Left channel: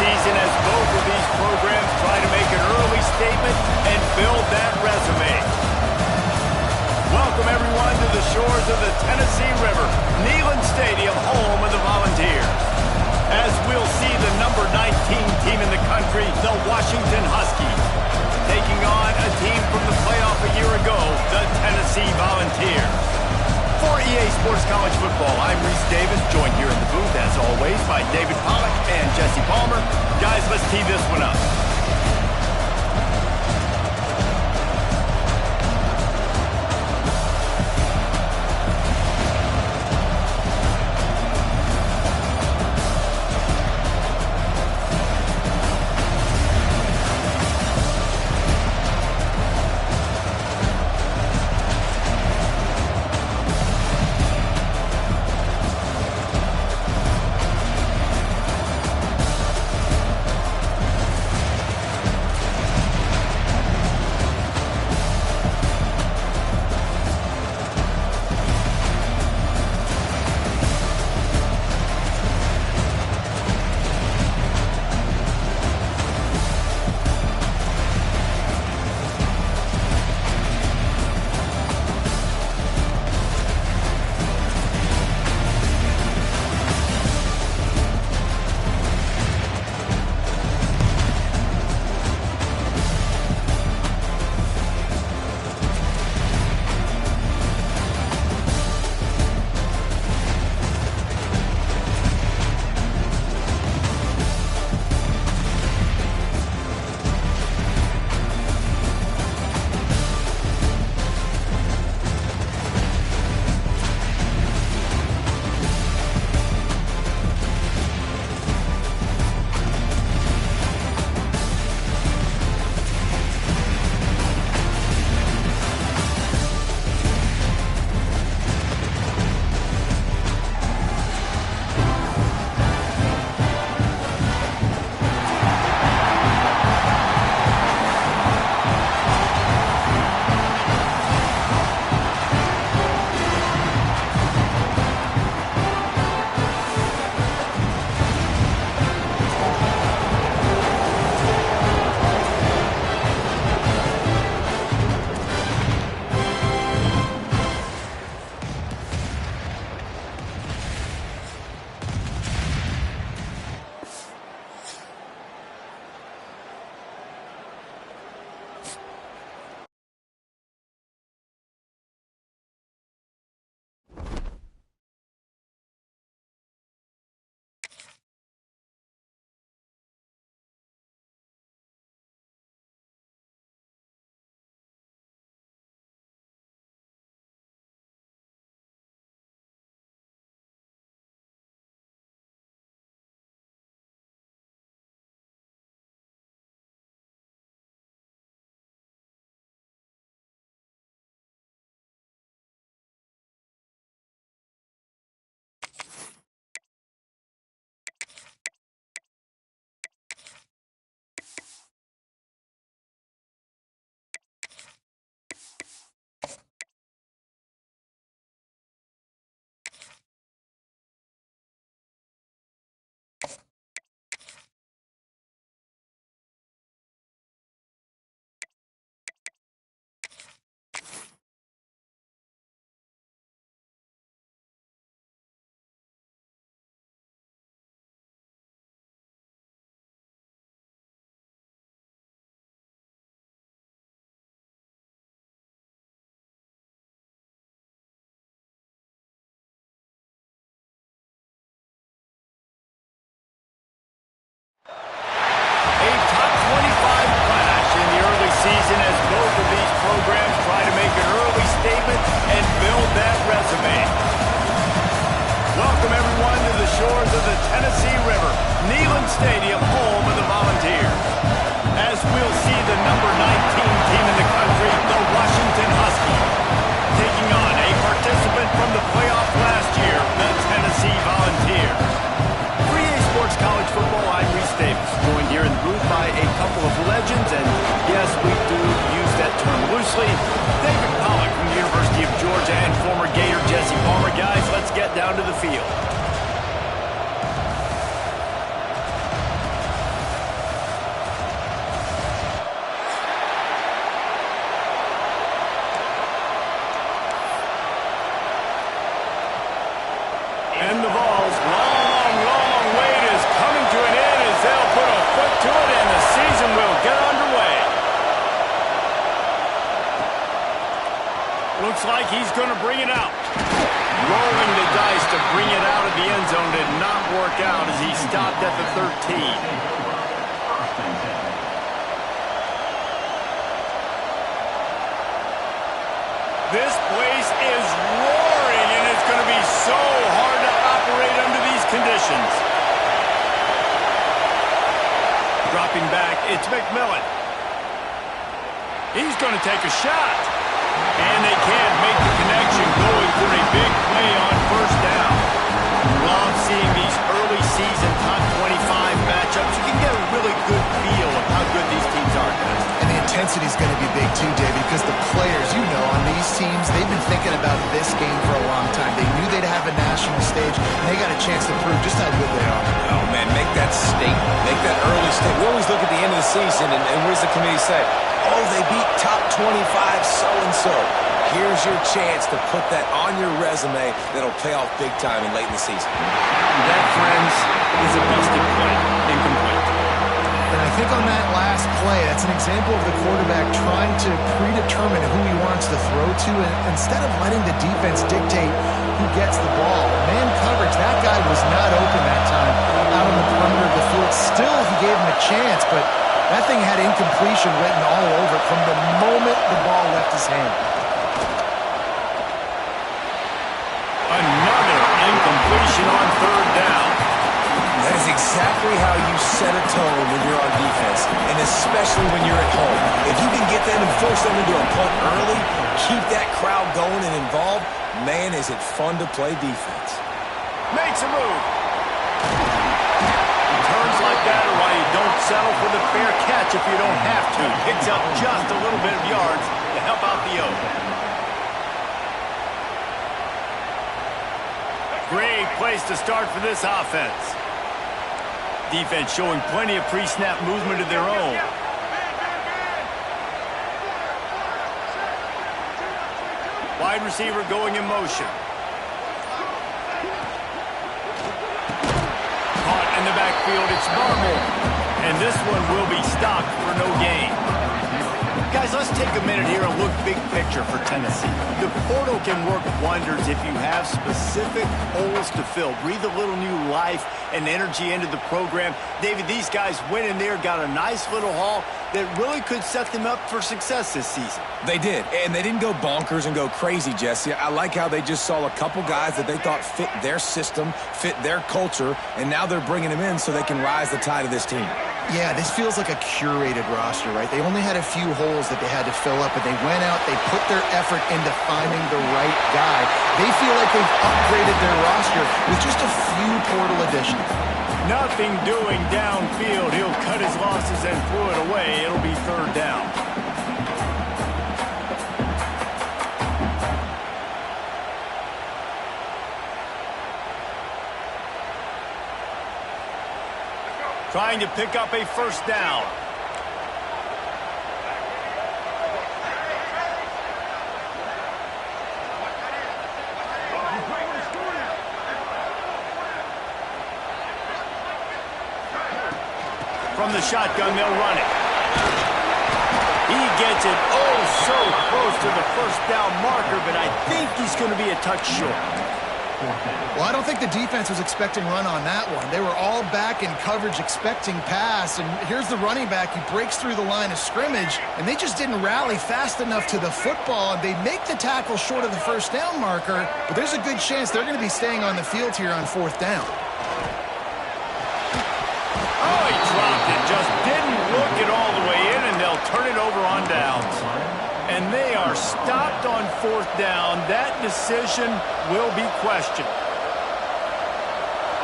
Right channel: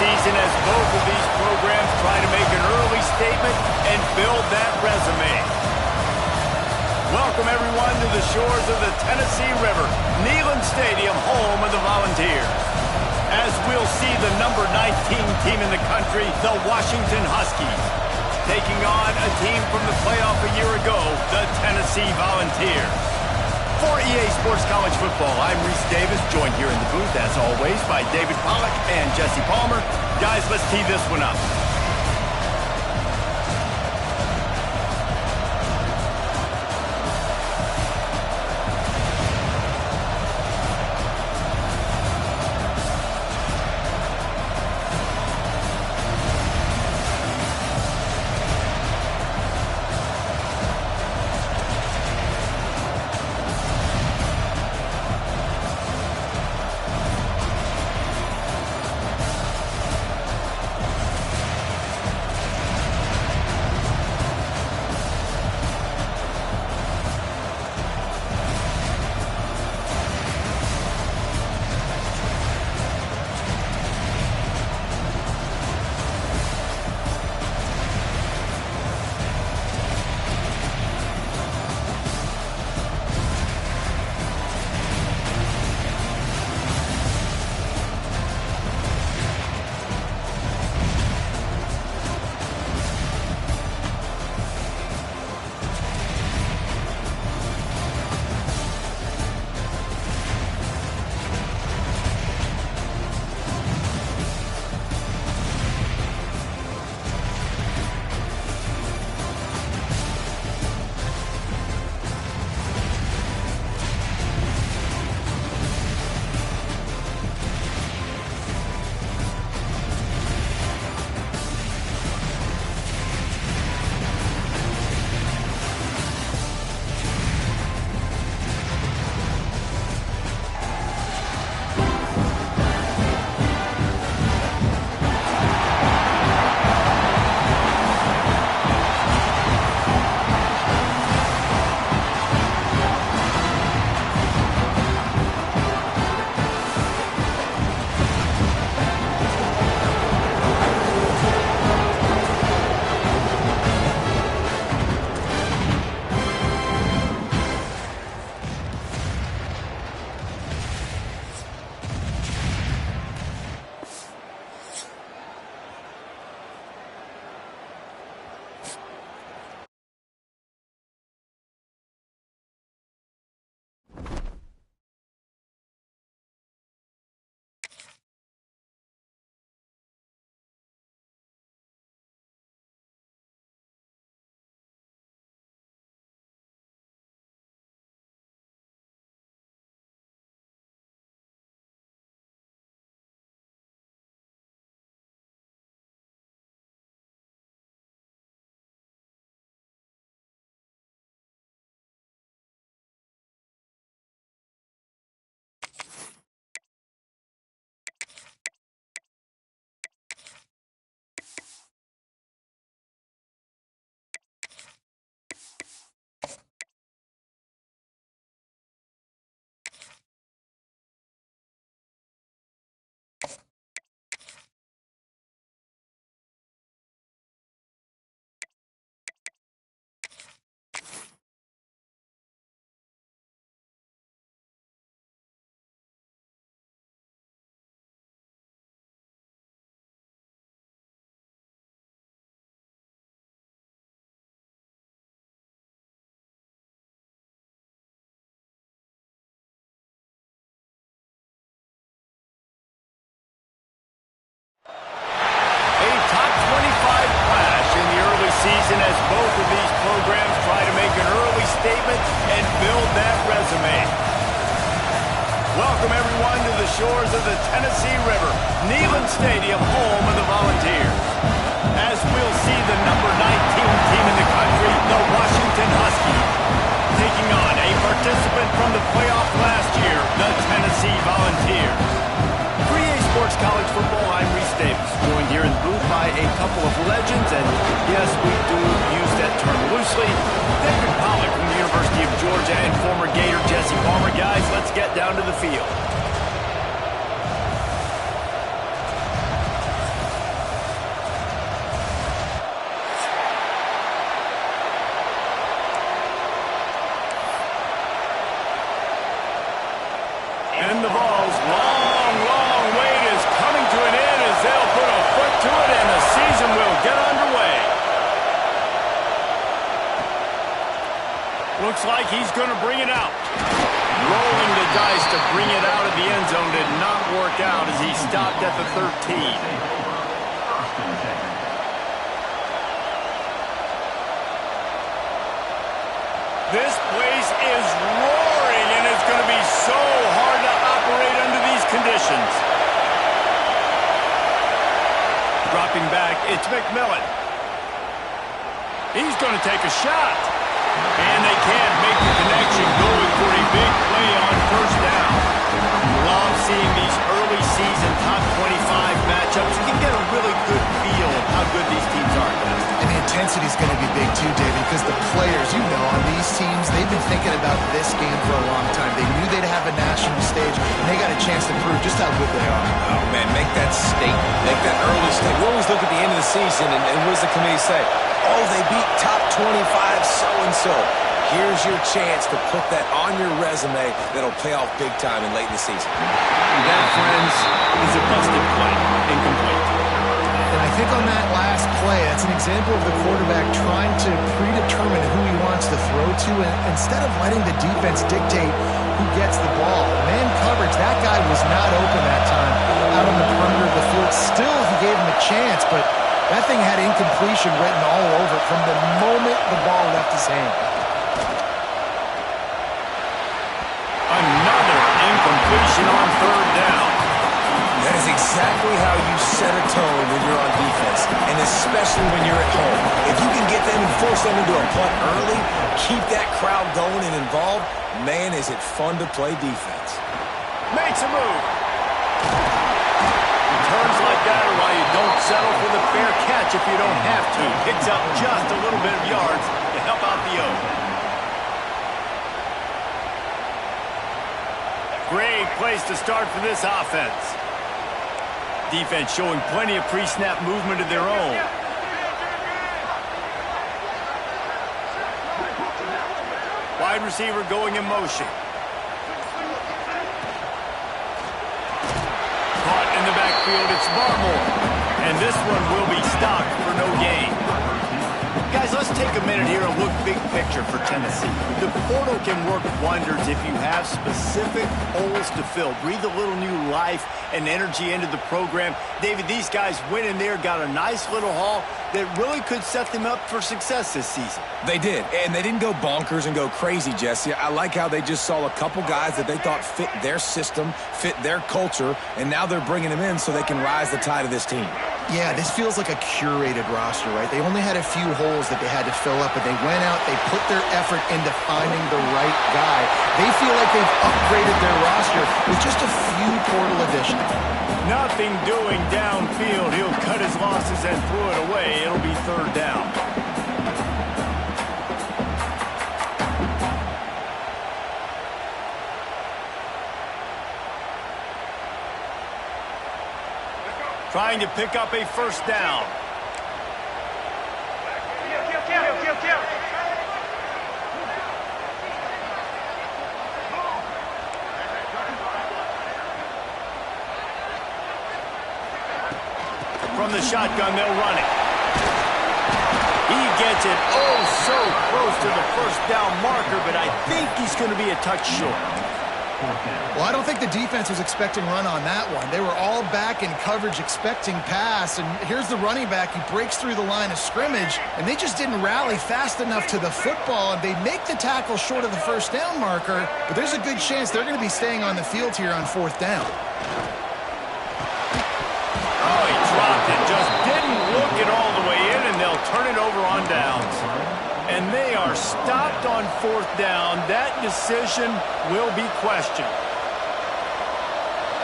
season as both of these programs try to make an early statement and build that resume. Welcome, everyone, to the shores of the Tennessee River, Neyland Stadium, home of the Volunteers. As we'll see the number 19 team in the country, the Washington Huskies, taking on a team from the playoff a year ago, the Tennessee Volunteers. For EA Sports College Football, I'm Reese Davis, joined here in the booth, as always, by David Pollack and Jesse Palmer. Guys, let's tee this one up. Season as both of these programs try to make an early statement and build that resume. Welcome, everyone, to the shores of the Tennessee River, Neyland Stadium, home of the Volunteers. As we'll see the number 19 team in the country, the Washington Huskies, taking on a participant from the playoff last year, the Tennessee Volunteers. For EA Sports College Football, I'm Reese Davis, joined here in the booth by a couple of legends, and yes, we do use that term loosely. David Pollack from the University of Georgia and former Gator Jesse Palmer. Guys, let's get down to the field. And the Vols' long, long wait is coming to an end as they'll put a foot to it and the season will get underway. Looks like he's going to bring it out. Rolling the dice to bring it out of the end zone did not work out as he stopped at the 13. This place is roaring, and it's going to be so hard to operate under these conditions. Dropping back, it's McMillan. He's going to take a shot. And they can't make the connection, going for a big play on first down. Love seeing these early season top 25 matchups. You can get a really good feel of how good these teams are, guys. And the intensity is going to be big too, David, because the players, you know, on these teams, they've been thinking about this game for a long time. They knew they'd have a national stage, and they got a chance to prove just how good they are. Oh, man, make that statement. Make that early statement. We always look at the end of the season, and what does the committee say? Oh, they beat top 25 so-and-so. Here's your chance to put that on your resume that'll pay off big time and late in the season. That, friends, is a busted play. Incomplete. And I think on that last play, that's an example of the quarterback trying to predetermine who he wants to throw to, and instead of letting the defense dictate who gets the ball. Man coverage, that guy was not open that time out on the perimeter of the field. Still, he gave him a chance, but that thing had incompletion written all over it from the moment the ball left his hand. Another incompletion on third down. That is exactly how you set a tone when you're on defense, and especially when you're at home. If you can get them and force them into a punt early, keep that crowd going and involved, man, is it fun to play defense. Makes a move. Turns like that are why you don't settle for the fair catch if you don't have to. Picks up just a little bit of yards to help out the O. Great place to start for this offense. Defense showing plenty of pre-snap movement of their own. Wide receiver going in motion. Caught in the backfield, it's Barmore. And this one will be stopped for no gain. Guys, let's take a minute here and look big picture for Tennessee. The portal can work wonders if you have specific holes to fill. Breathe a little new life and energy into the program. David, these guys went in there, got a nice little haul that really could set them up for success this season. They did, and they didn't go bonkers and go crazy, Jesse. I like how they just saw a couple guys that they thought fit their system, fit their culture, and now they're bringing them in so they can rise the tide of this team. Yeah, this feels like a curated roster, right? They only had a few holes that they had to fill up, but they went out, they put their effort into finding the right guy. They feel like they've upgraded their roster with just a few portal additions. Nothing doing downfield. He'll cut his losses and throw it away. It'll be third down. Trying to pick up a first down. From the shotgun, they'll run it. He gets it so close to the first down marker, but I think he's going to be a touch short. Well, I don't think the defense was expecting run on that one. They were all back in coverage expecting pass, and here's the running back. He breaks through the line of scrimmage, and they just didn't rally fast enough to the football, and they make the tackle short of the first down marker, but there's a good chance they're going to be staying on the field here on fourth down. Oh, he dropped it. Just didn't look it all the way in, and they'll turn it over on downs. And they are stopped on fourth down. That decision will be questioned.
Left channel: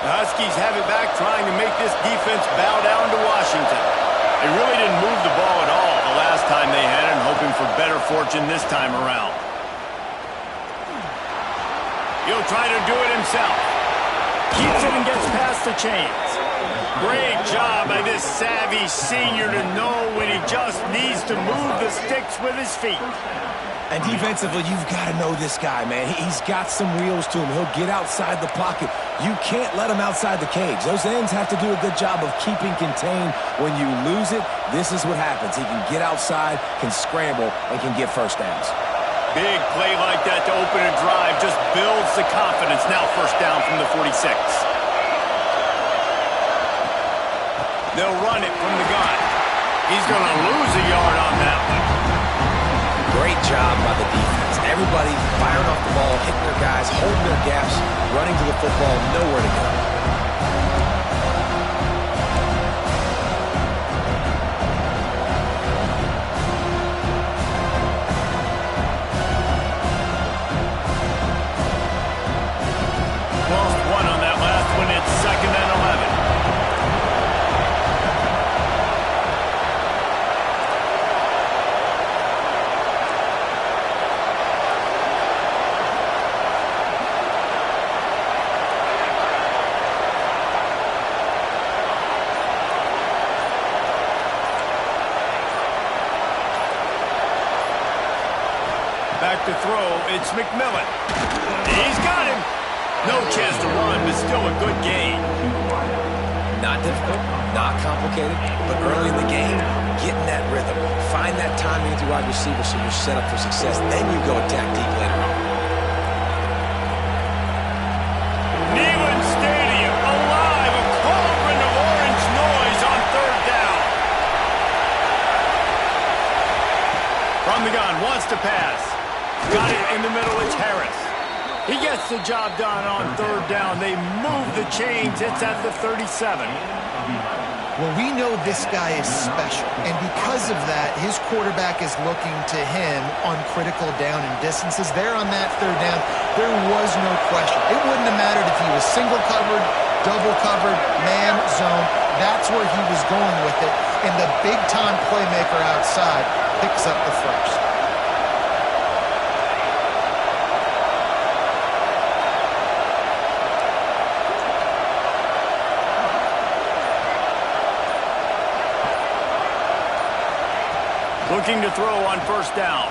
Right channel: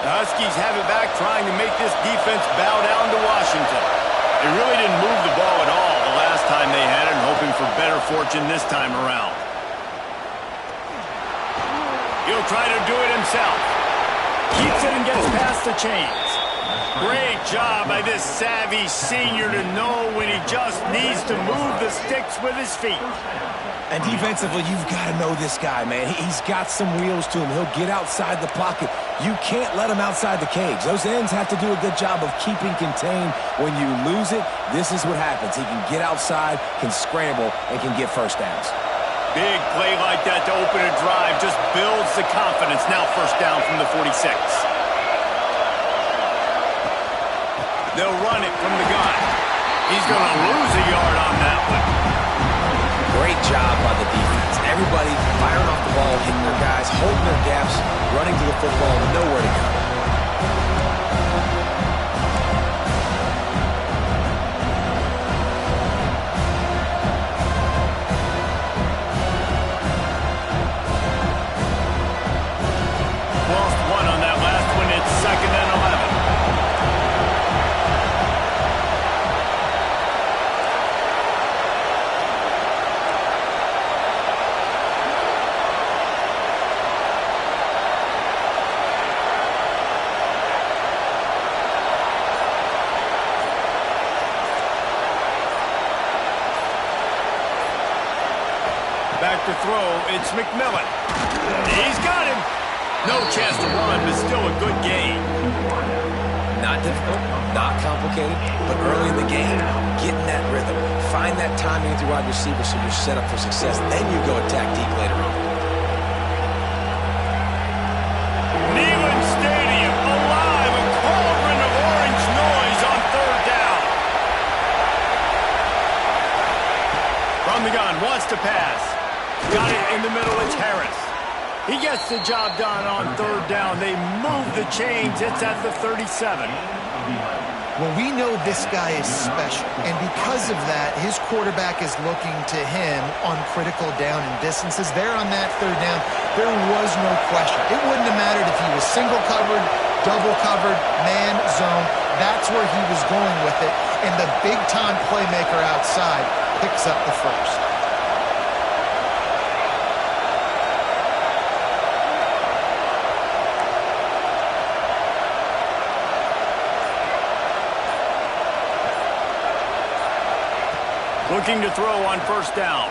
The Huskies have it back, trying to make this defense bow down to Washington. They really didn't move the ball at all the last time they had it, and hoping for better fortune this time around. He'll try to do it himself. Keeps it and gets past the chains. Great job by this savvy senior to know when he just needs to move the sticks with his feet. And defensively, you've got to know this guy, man. He's got some wheels to him. He'll get outside the pocket. You can't let him outside the cage. Those ends have to do a good job of keeping contained. When you lose it, this is what happens. He can get outside, can scramble, and can get first downs. Big play like that to open a drive just builds the confidence. Now first down from the 46. They'll run it from the gun. He's going to lose a yard on that one. Great job by the defense. Everybody firing off the ball, hitting their guys, holding their gaps, running to the football, nowhere to go. Lost one on that last one. It's 2nd and 11. Back to throw, it's McMillan. He's got him. No chance to run, but still a good gain. Not difficult, not complicated, but early in the game, getting that rhythm. Find that timing with your wide receiver so you're set up for success. Then you go attack deep later on. Neyland Stadium, alive, a cauldron of orange noise on 3rd down. From the gun, wants to pass. Got it in the middle, it's Harris. He gets the job done on 3rd down. They move the chains. It's at the 37. Well, we know this guy is special, and because of that, his quarterback is looking to him on critical down and distances. There on that 3rd down, there was no question. It wouldn't have mattered if he was single covered, double covered, man, zone. That's where he was going with it, and the big-time playmaker outside picks up the first. Looking to throw on 1st down.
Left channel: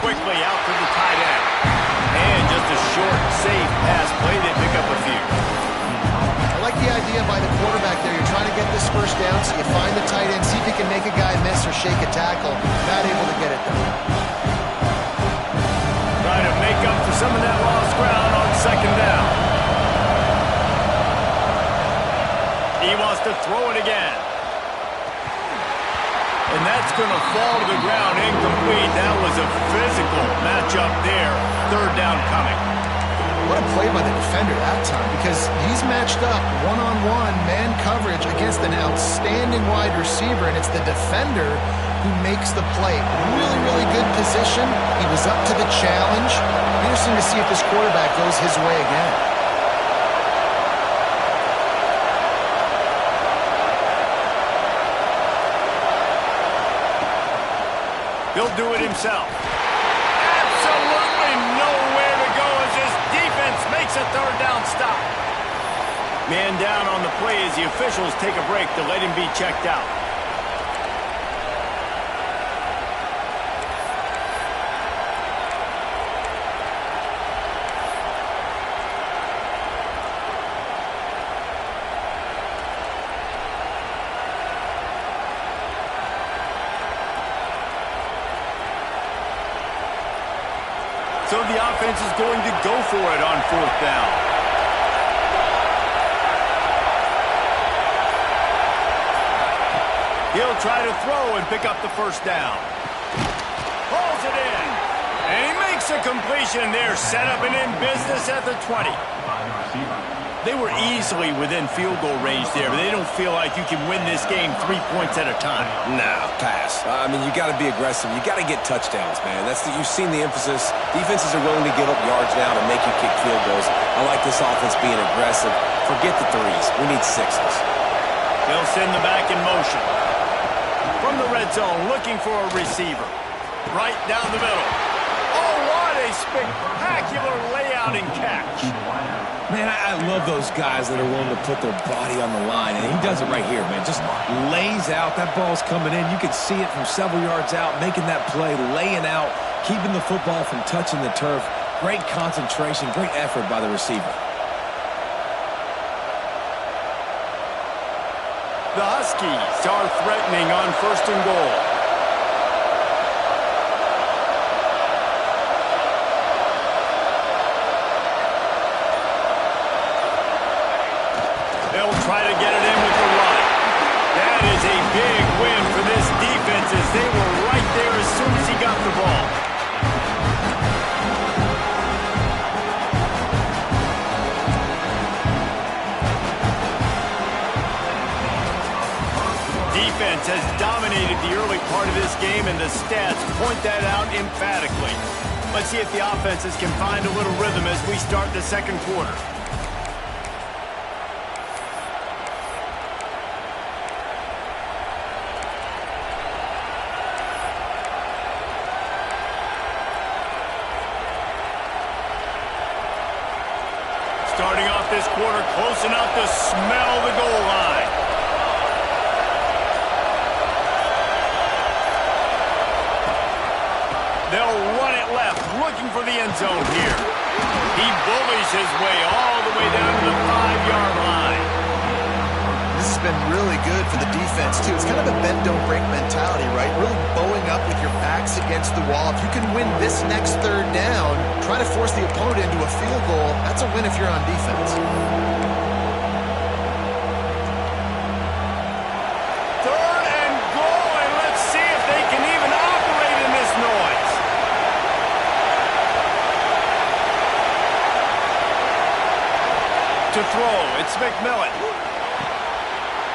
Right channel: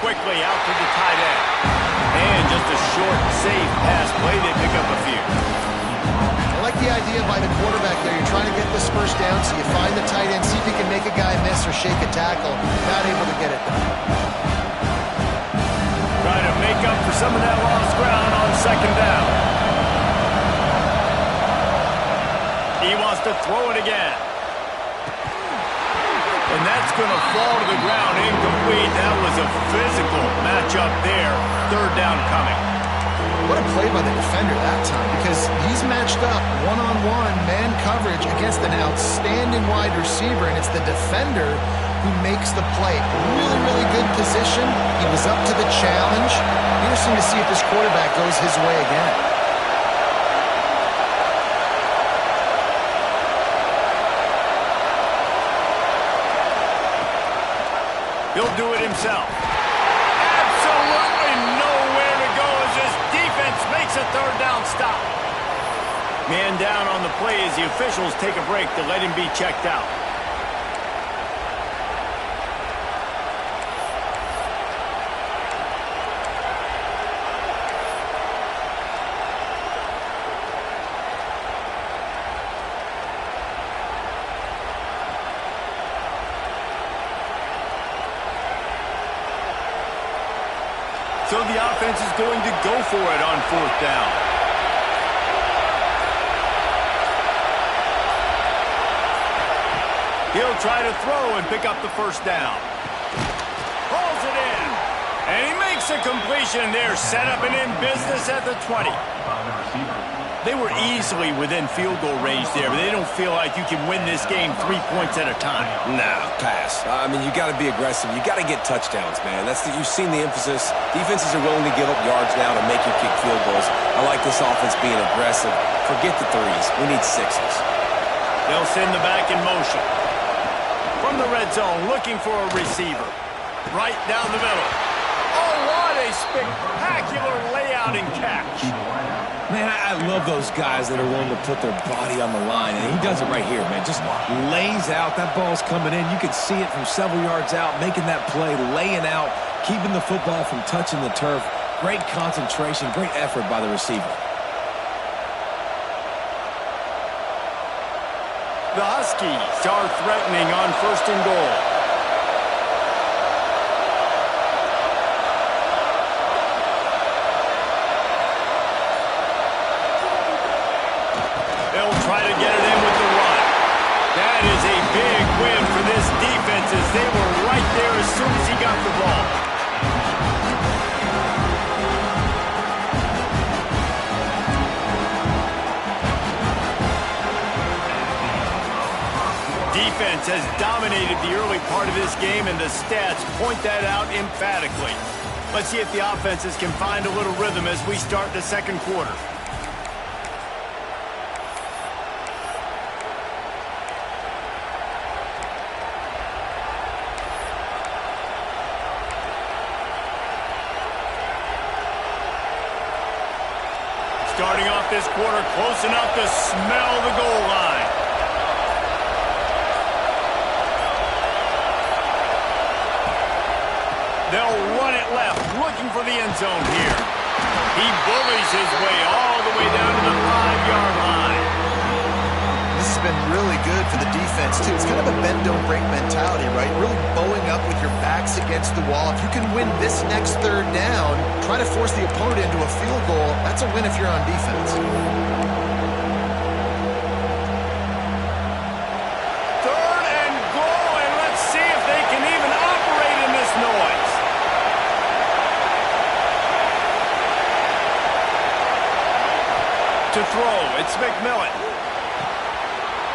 Quickly out to the tight end. And just a short, safe pass play. They pick up a few. I like the idea by the quarterback there. You're trying to get this 1st down, so you find the tight end, see if you can make a guy miss or shake a tackle. Not able to get it done. Trying to make up for some of that lost ground on 2nd down. He wants to throw it again. And that's going to fall to the ground incomplete. That was a physical matchup there. 3rd down coming. What a play by the defender that time, because he's matched up one-on-one man coverage against an outstanding wide receiver, and it's the defender who makes the play. Really, really good position. He was up to the challenge. Interesting to see if this quarterback goes his way again. He'll do it himself. Absolutely nowhere to go as this defense makes a 3rd down stop. Man down on the play as the officials take a break to let him be checked out. So the offense is going to go for it on 4th down. He'll try to throw and pick up the 1st down. Pulls it in. And he makes a completion there. Set up and in business at the 20. They were easily within field goal range there, but they don't feel like you can win this game 3 points at a time. No, pass. I mean, you got to be aggressive. You got to get touchdowns, man. You've seen the emphasis. Defenses are willing to give up yards now to make you kick field goals. I like this offense being aggressive. Forget the 3s. We need 6s. They'll send the back in motion. From the red zone, looking for a receiver. Right down the middle. Oh, what a spectacular layout and catch. Man, I love those guys that are willing to put their body on the line, and he does it right here, man. Just lays out. That ball's coming in. You can see it from several yards out, making that play, laying out, keeping the football from touching the turf. Great concentration, great effort by the receiver. The Huskies are threatening on 1st and goal. They'll try to get it in with the run. That is a big win for this defense as they were right there as soon as he got the ball. Defense has dominated the early part of this game, and the stats point that out emphatically. Let's see if the offenses can find a little rhythm as we start the second quarter. Starting off this quarter close enough to smell the goal line. They'll run it left, looking for the end zone here. He bullies his way all the way down to the 5-yard line. This has been really good for the defense, too. It's kind of a bend-don't-break mentality, right? Really bowing up with your backs against the wall. If you can win this next third down, try to force the opponent into a field goal. That's a win if you're on defense. Third and goal, and let's see if they can even operate in this noise. To throw, it's McMillan.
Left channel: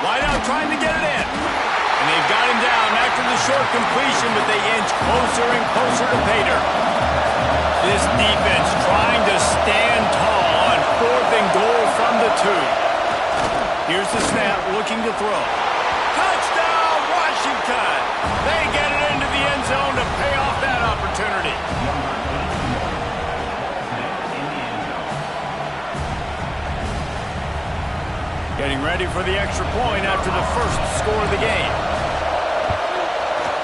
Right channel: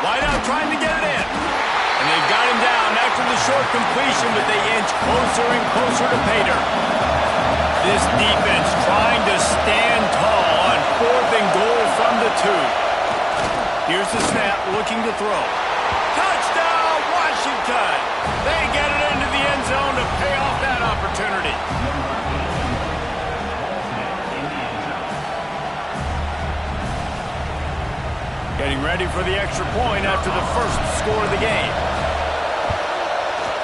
Wide out trying to get it in. And they've got him down after the short completion, but they inch closer and closer to pay dirt. This defense trying to stand tall on 4th and goal from the 2. Here's the snap, looking to throw. Touchdown, Washington! They get it into the end zone to pay off that opportunity. Getting ready for the extra point after the first score of the game.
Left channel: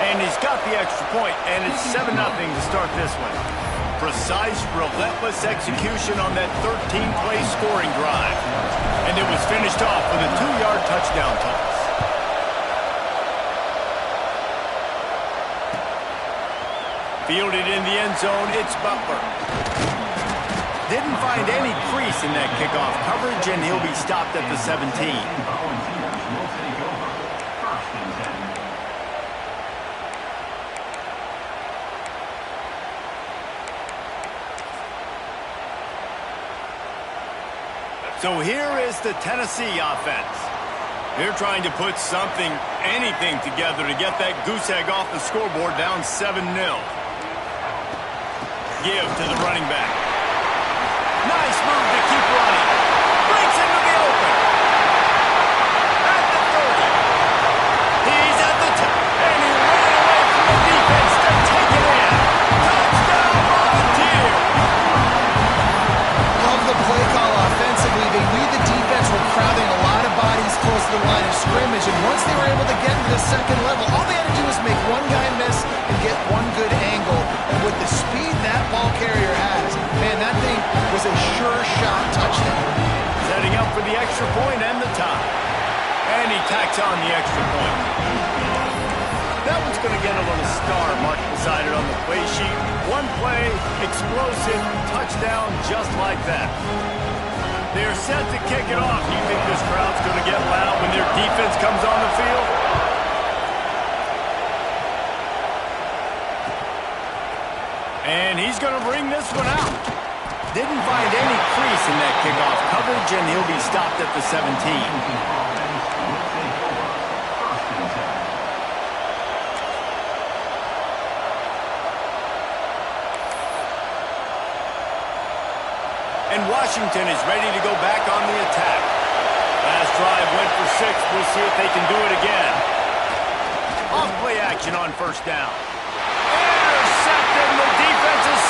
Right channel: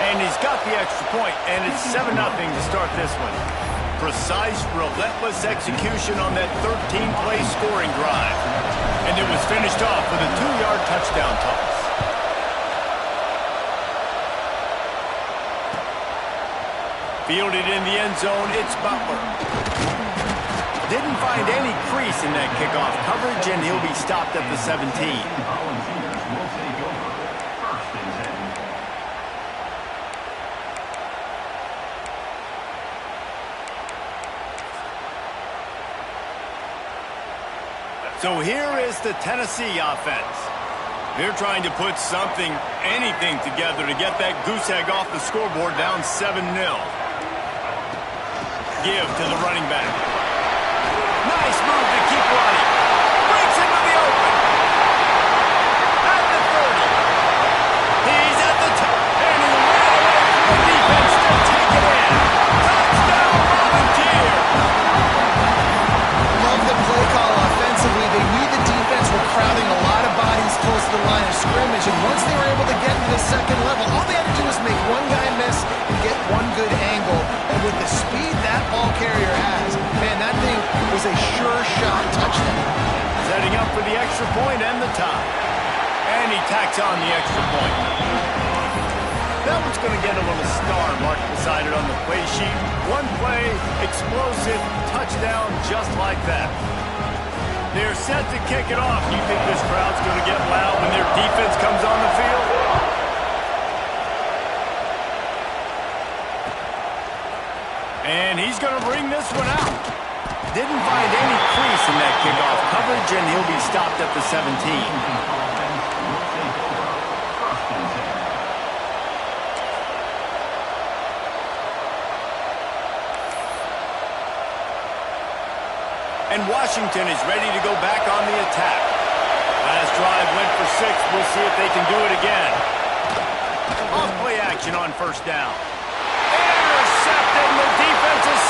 And he's got the extra point, and it's 7-0 to start this one. Precise, relentless execution on that 13-play scoring drive. And it was finished off with a 2-yard touchdown toss. Fielded in the end zone, it's Butler. Didn't find any crease in that kickoff coverage, and he'll be stopped at the 17. So here is the Tennessee offense. They're trying to put something, anything together to get that goose egg off the scoreboard down 7-0. Give to the running back. Nice move to keep running. Breaks into the open. At the 30. He's at the 10. And he ran away from the defense to take it in. Touchdown, Volunteer. Love the play call offensively. They knew the defense were crowding a lot of bodies close to the line of scrimmage, and once they were able to get into the second level, all they had to do was make one guy miss and get one good angle. And with the speed that ball carrier has, man, that thing was a sure shot touchdown. Setting up for the extra point and the tie. And he tacks on the extra point. That one's going to get a little star marked beside it on the play sheet. One play, explosive, touchdown, just like that. They're set to kick it off. Do you think this crowd's going to get loud when their defense comes on the field? And he's going to bring this one out. Didn't find any crease in that kickoff coverage, and he'll be stopped at the 17. And Washington is ready to go back on the attack. Last drive went for 6. We'll see if they can do it again. Off play action on first down. Intercepted, and the defense is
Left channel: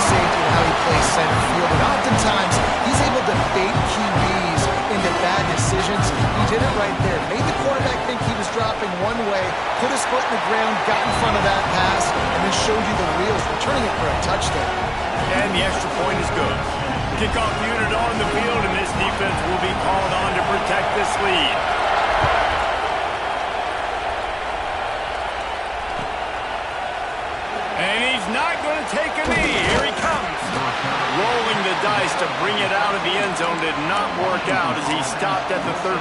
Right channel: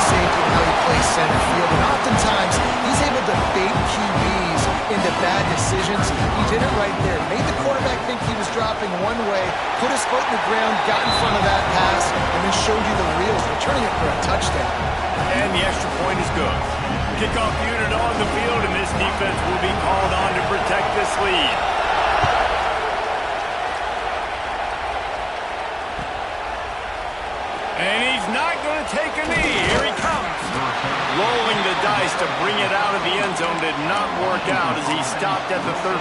free safety and how he plays center field. And oftentimes, he's able to bait QBs into bad decisions. He did it right there. Made the quarterback think he was dropping one way, put his foot in the ground, got in front of that pass, and then showed you the reels, returning it for a touchdown. And the extra point is good. Kickoff unit on the field, and this defense will be called on to protect this lead. And he's not going to take a knee. Here he comes. Rolling the dice to bring it out of the end zone did not work out as he stopped at the 13.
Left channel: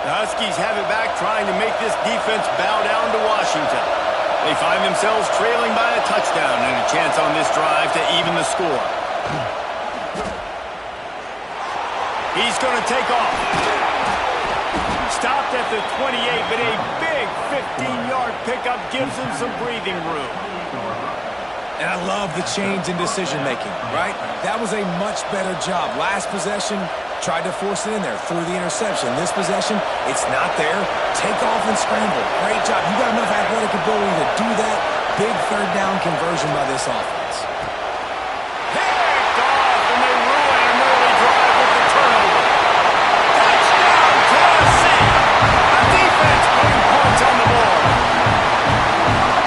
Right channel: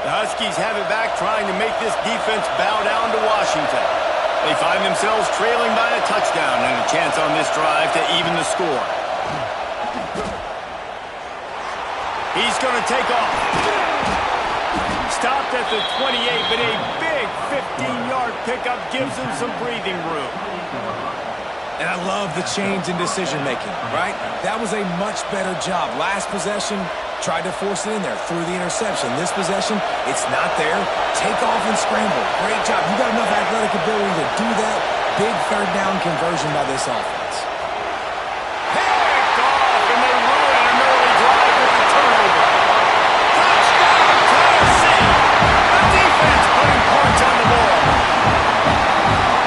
The Huskies have it back, trying to make this defense bow down to Washington. They find themselves trailing by a touchdown and a chance on this drive to even the score. He's going to take off. Stopped at the 28, but a big 15-yard pickup gives him some breathing room. And I love the change in decision-making, right? That was a much better job. Last possession, tried to force it in there through the interception. This possession, it's not there. Take off and scramble. Great job. You got enough athletic ability to do that. Big third down conversion by this offense. Picked off, and they ruin an early drive with the turnover. Touchdown, Tennessee! The defense putting points on the board.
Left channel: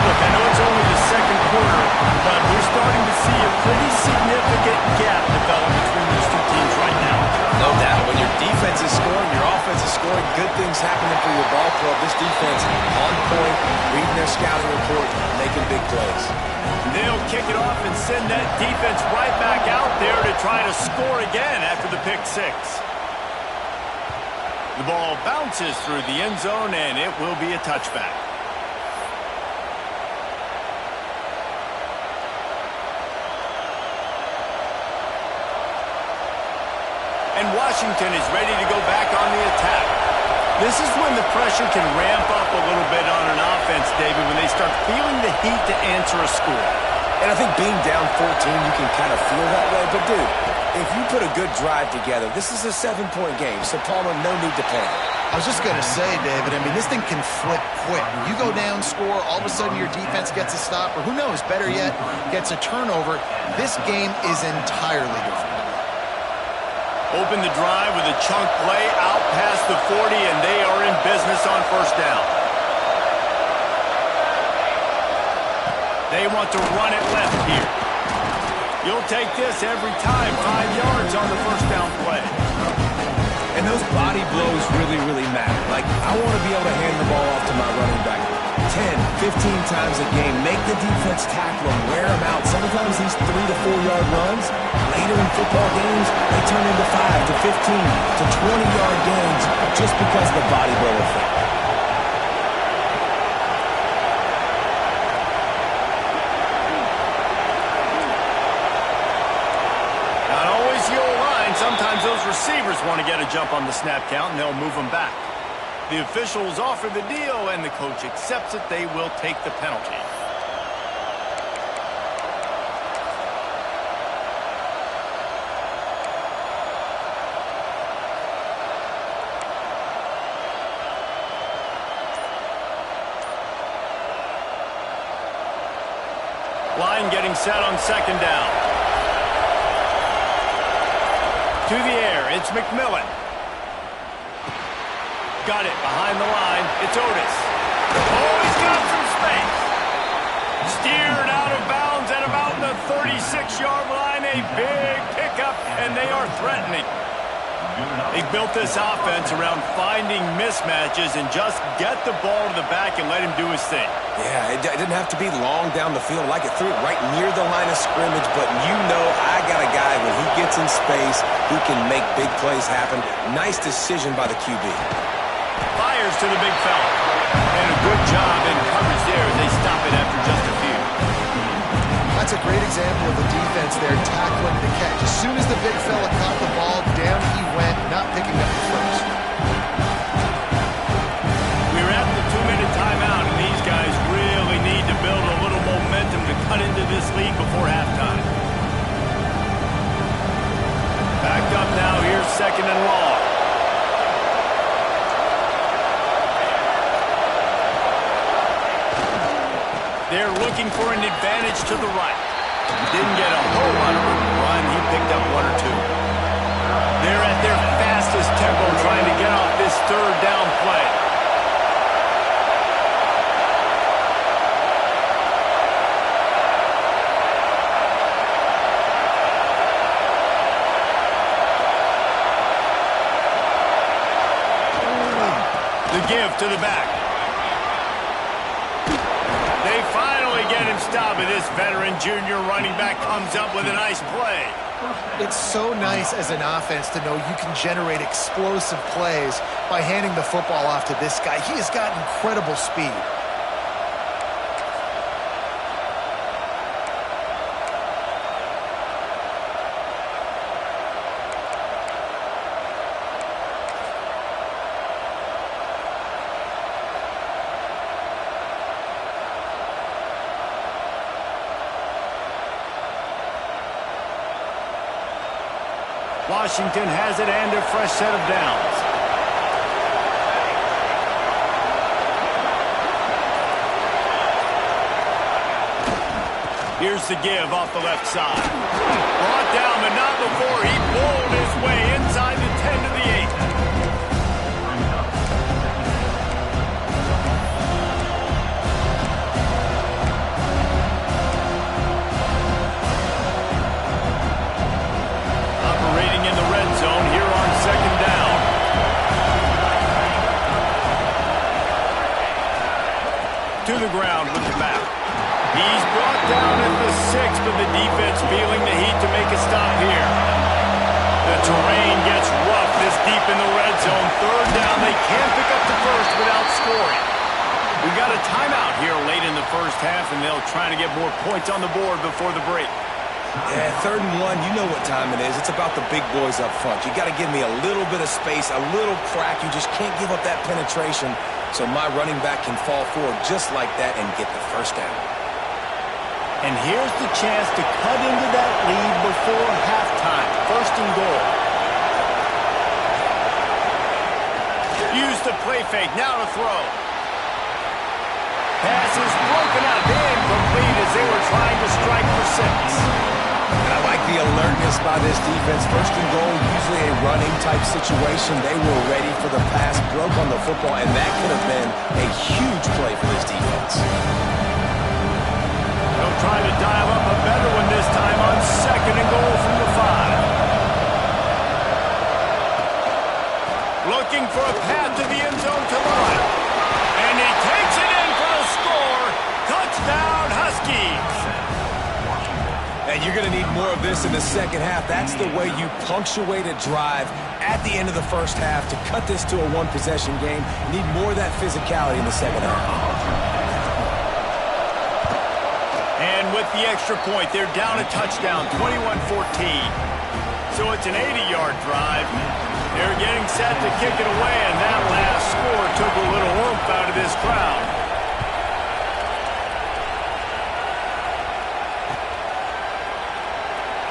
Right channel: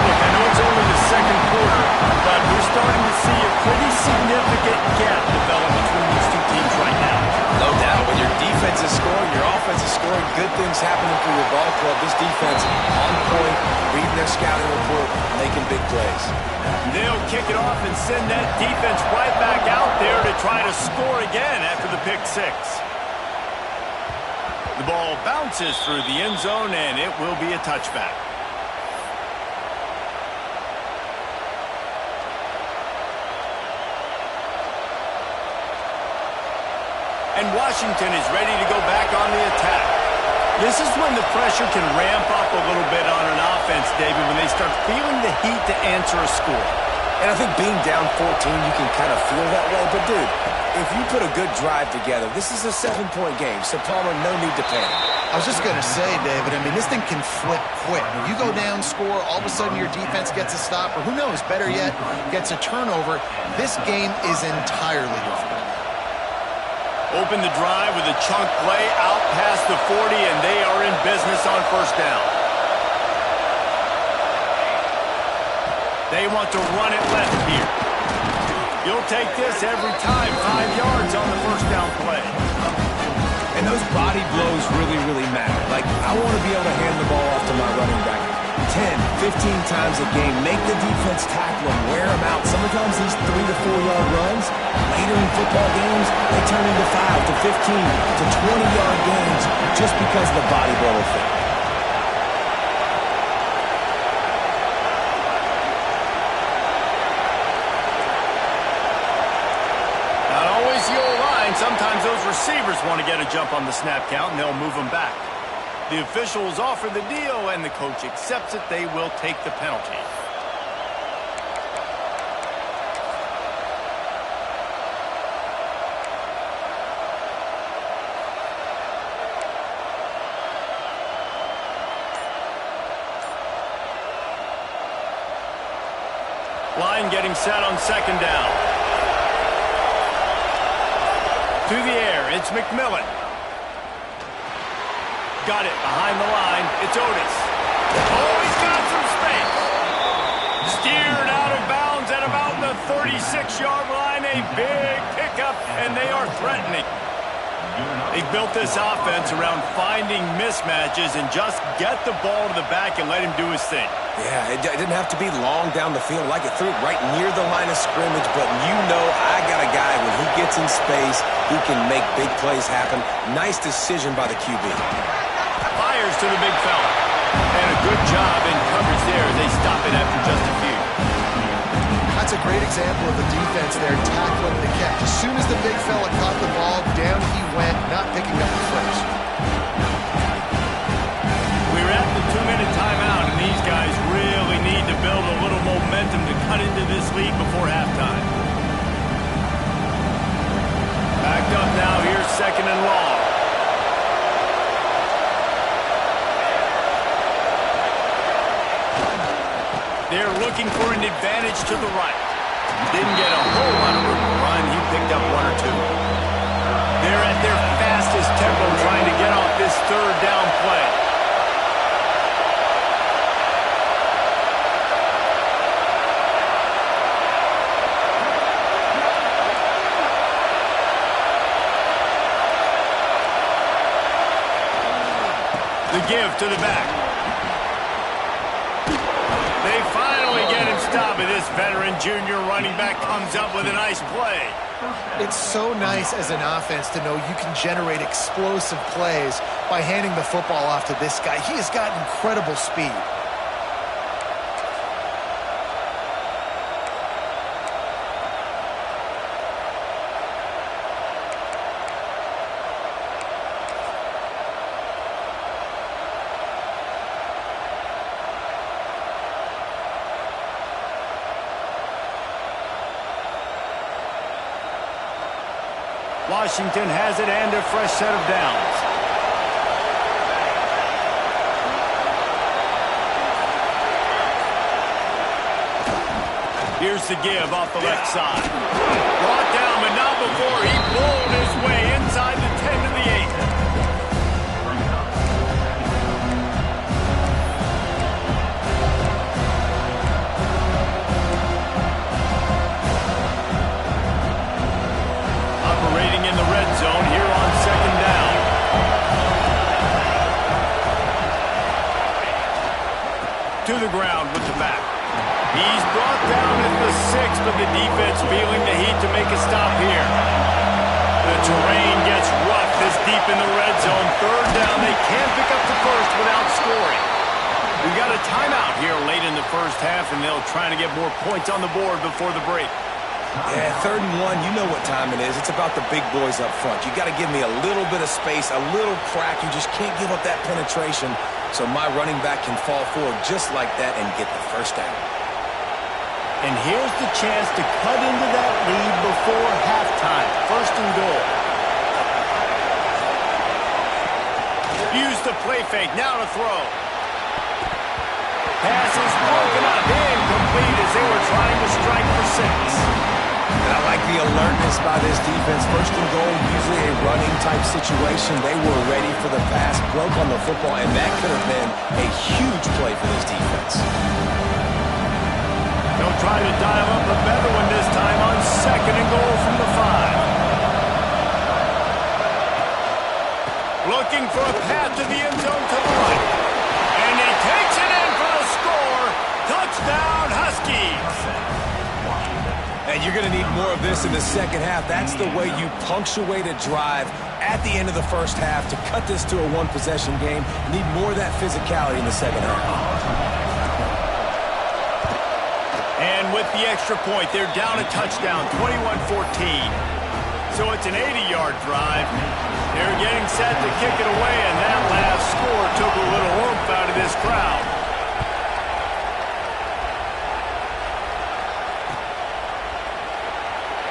Look, I know it's only the second quarter, but we're starting to see a pretty significant gap develop between these two teams right now. No doubt. When your defense is scoring, your offense is scoring, good things happening for your ball club. This defense on point, reading their scouting report, making big plays. They'll kick it off and send that defense right back out there to try to score again after the pick six. The ball bounces through the end zone, and it will be a touchback. And Washington is ready to go back on the attack. This is when the pressure can ramp up a little bit on an offense, David, when they start feeling the heat to answer a score. And I think being down 14, you can kind of feel that way. But, dude, if you put a good drive together, this is a 7-point game. So, Palmer, no need to panic. I was just going to say, David, I mean, this thing can flip quick. You go down, score, all of a sudden your defense gets a stop, or who knows, better yet, gets a turnover. This game is entirely different. Open the drive with a chunk play out past the 40, and they are in business on first down. They want to run it left here. You'll take this every time. 5 yards on the first down play. And those body blows really, really matter. Like, I want to be able to hand the ball off to my running back 10, 15 times a game. Make the defense tackle them, wear them out. Sometimes these 3 to 4 yard runs, later in football games, they turn into 5 to 15 to 20 yard gains just because of the body blow effect. Not always the old line. Sometimes those receivers want to get a jump on the snap count, and they'll move them back. The officials offer the deal, and the coach accepts it. They will take the penalty. Line getting set on second down. To the air, it's McMillan. Got it behind the line. It's Otis. Oh, he's got some space. Steered out of bounds at about the 36-yard line. A big pickup, and they are threatening. They built this offense around finding mismatches and just get the ball to the back and let him do his thing. Yeah, it didn't have to be long down the field. Like it threw it right near the line of scrimmage, but you know I got a guy, when he gets in space, he can make big plays happen. Nice decision by the QB. Fires to the big fella. And a good job in coverage there as they stop it after just a few. That's a great example of the defense there tackling the catch. As soon as the big fella caught the ball, down he went, not picking up the first. We're at the 2-minute timeout, and these guys really need to build a little momentum to cut into this lead before halftime. Backed up now, here's 2nd and long. They're looking for an advantage to the right. Didn't get a whole lot of room to run. He picked up 1 or 2. They're at their fastest tempo trying to get off this 3rd down play. The give to the back. They finally get him stopped, and this veteran junior running back comes up with a nice play. It's so nice as an offense to know you can generate explosive plays by handing the football off to this guy. He has got incredible speed. Washington has it and a fresh set of downs. Here's the give off the left side. Brought down, but not before he bowled his way inside the 10 to the 8. Operating in the red zone here on 2nd down. To the ground with the back. He's brought down at the 6, but the defense feeling the heat to make a stop here. The terrain gets rough this deep in the red zone. 3rd down, they can't pick up the first without scoring. We got a timeout here late in the first half, and they'll try to get more points on the board before the break. Yeah, 3rd and 1, you know what time it is. It's about the big boys up front. You got to give me a little bit of space, a little crack. You just can't give up that penetration so my running back can fall forward just like that and get the first down. And here's the chance to cut into that lead before halftime. 1st and goal. Use the play fake, now to throw. Pass is broken up, incomplete as they were trying to strike for 6. And I like the alertness by this defense. 1st and goal, usually a running type situation. They were ready for the pass, broke on the football, and that could have been a huge play for this defense. They'll try to dial up a better one this time on 2nd and goal from the 5. Looking for a path to the end zone to the right. And he takes it in for the score. Touchdown, Huskies. And you're going to need more of this in the 2nd half. That's the way you punctuate a drive at the end of the first half to cut this to a 1-possession game. You need more of that physicality in the 2nd half. And with the extra point, they're down a touchdown, 21-14. So it's an 80-yard drive. They're getting set to kick it away, and that last score took a little oomph out of this crowd.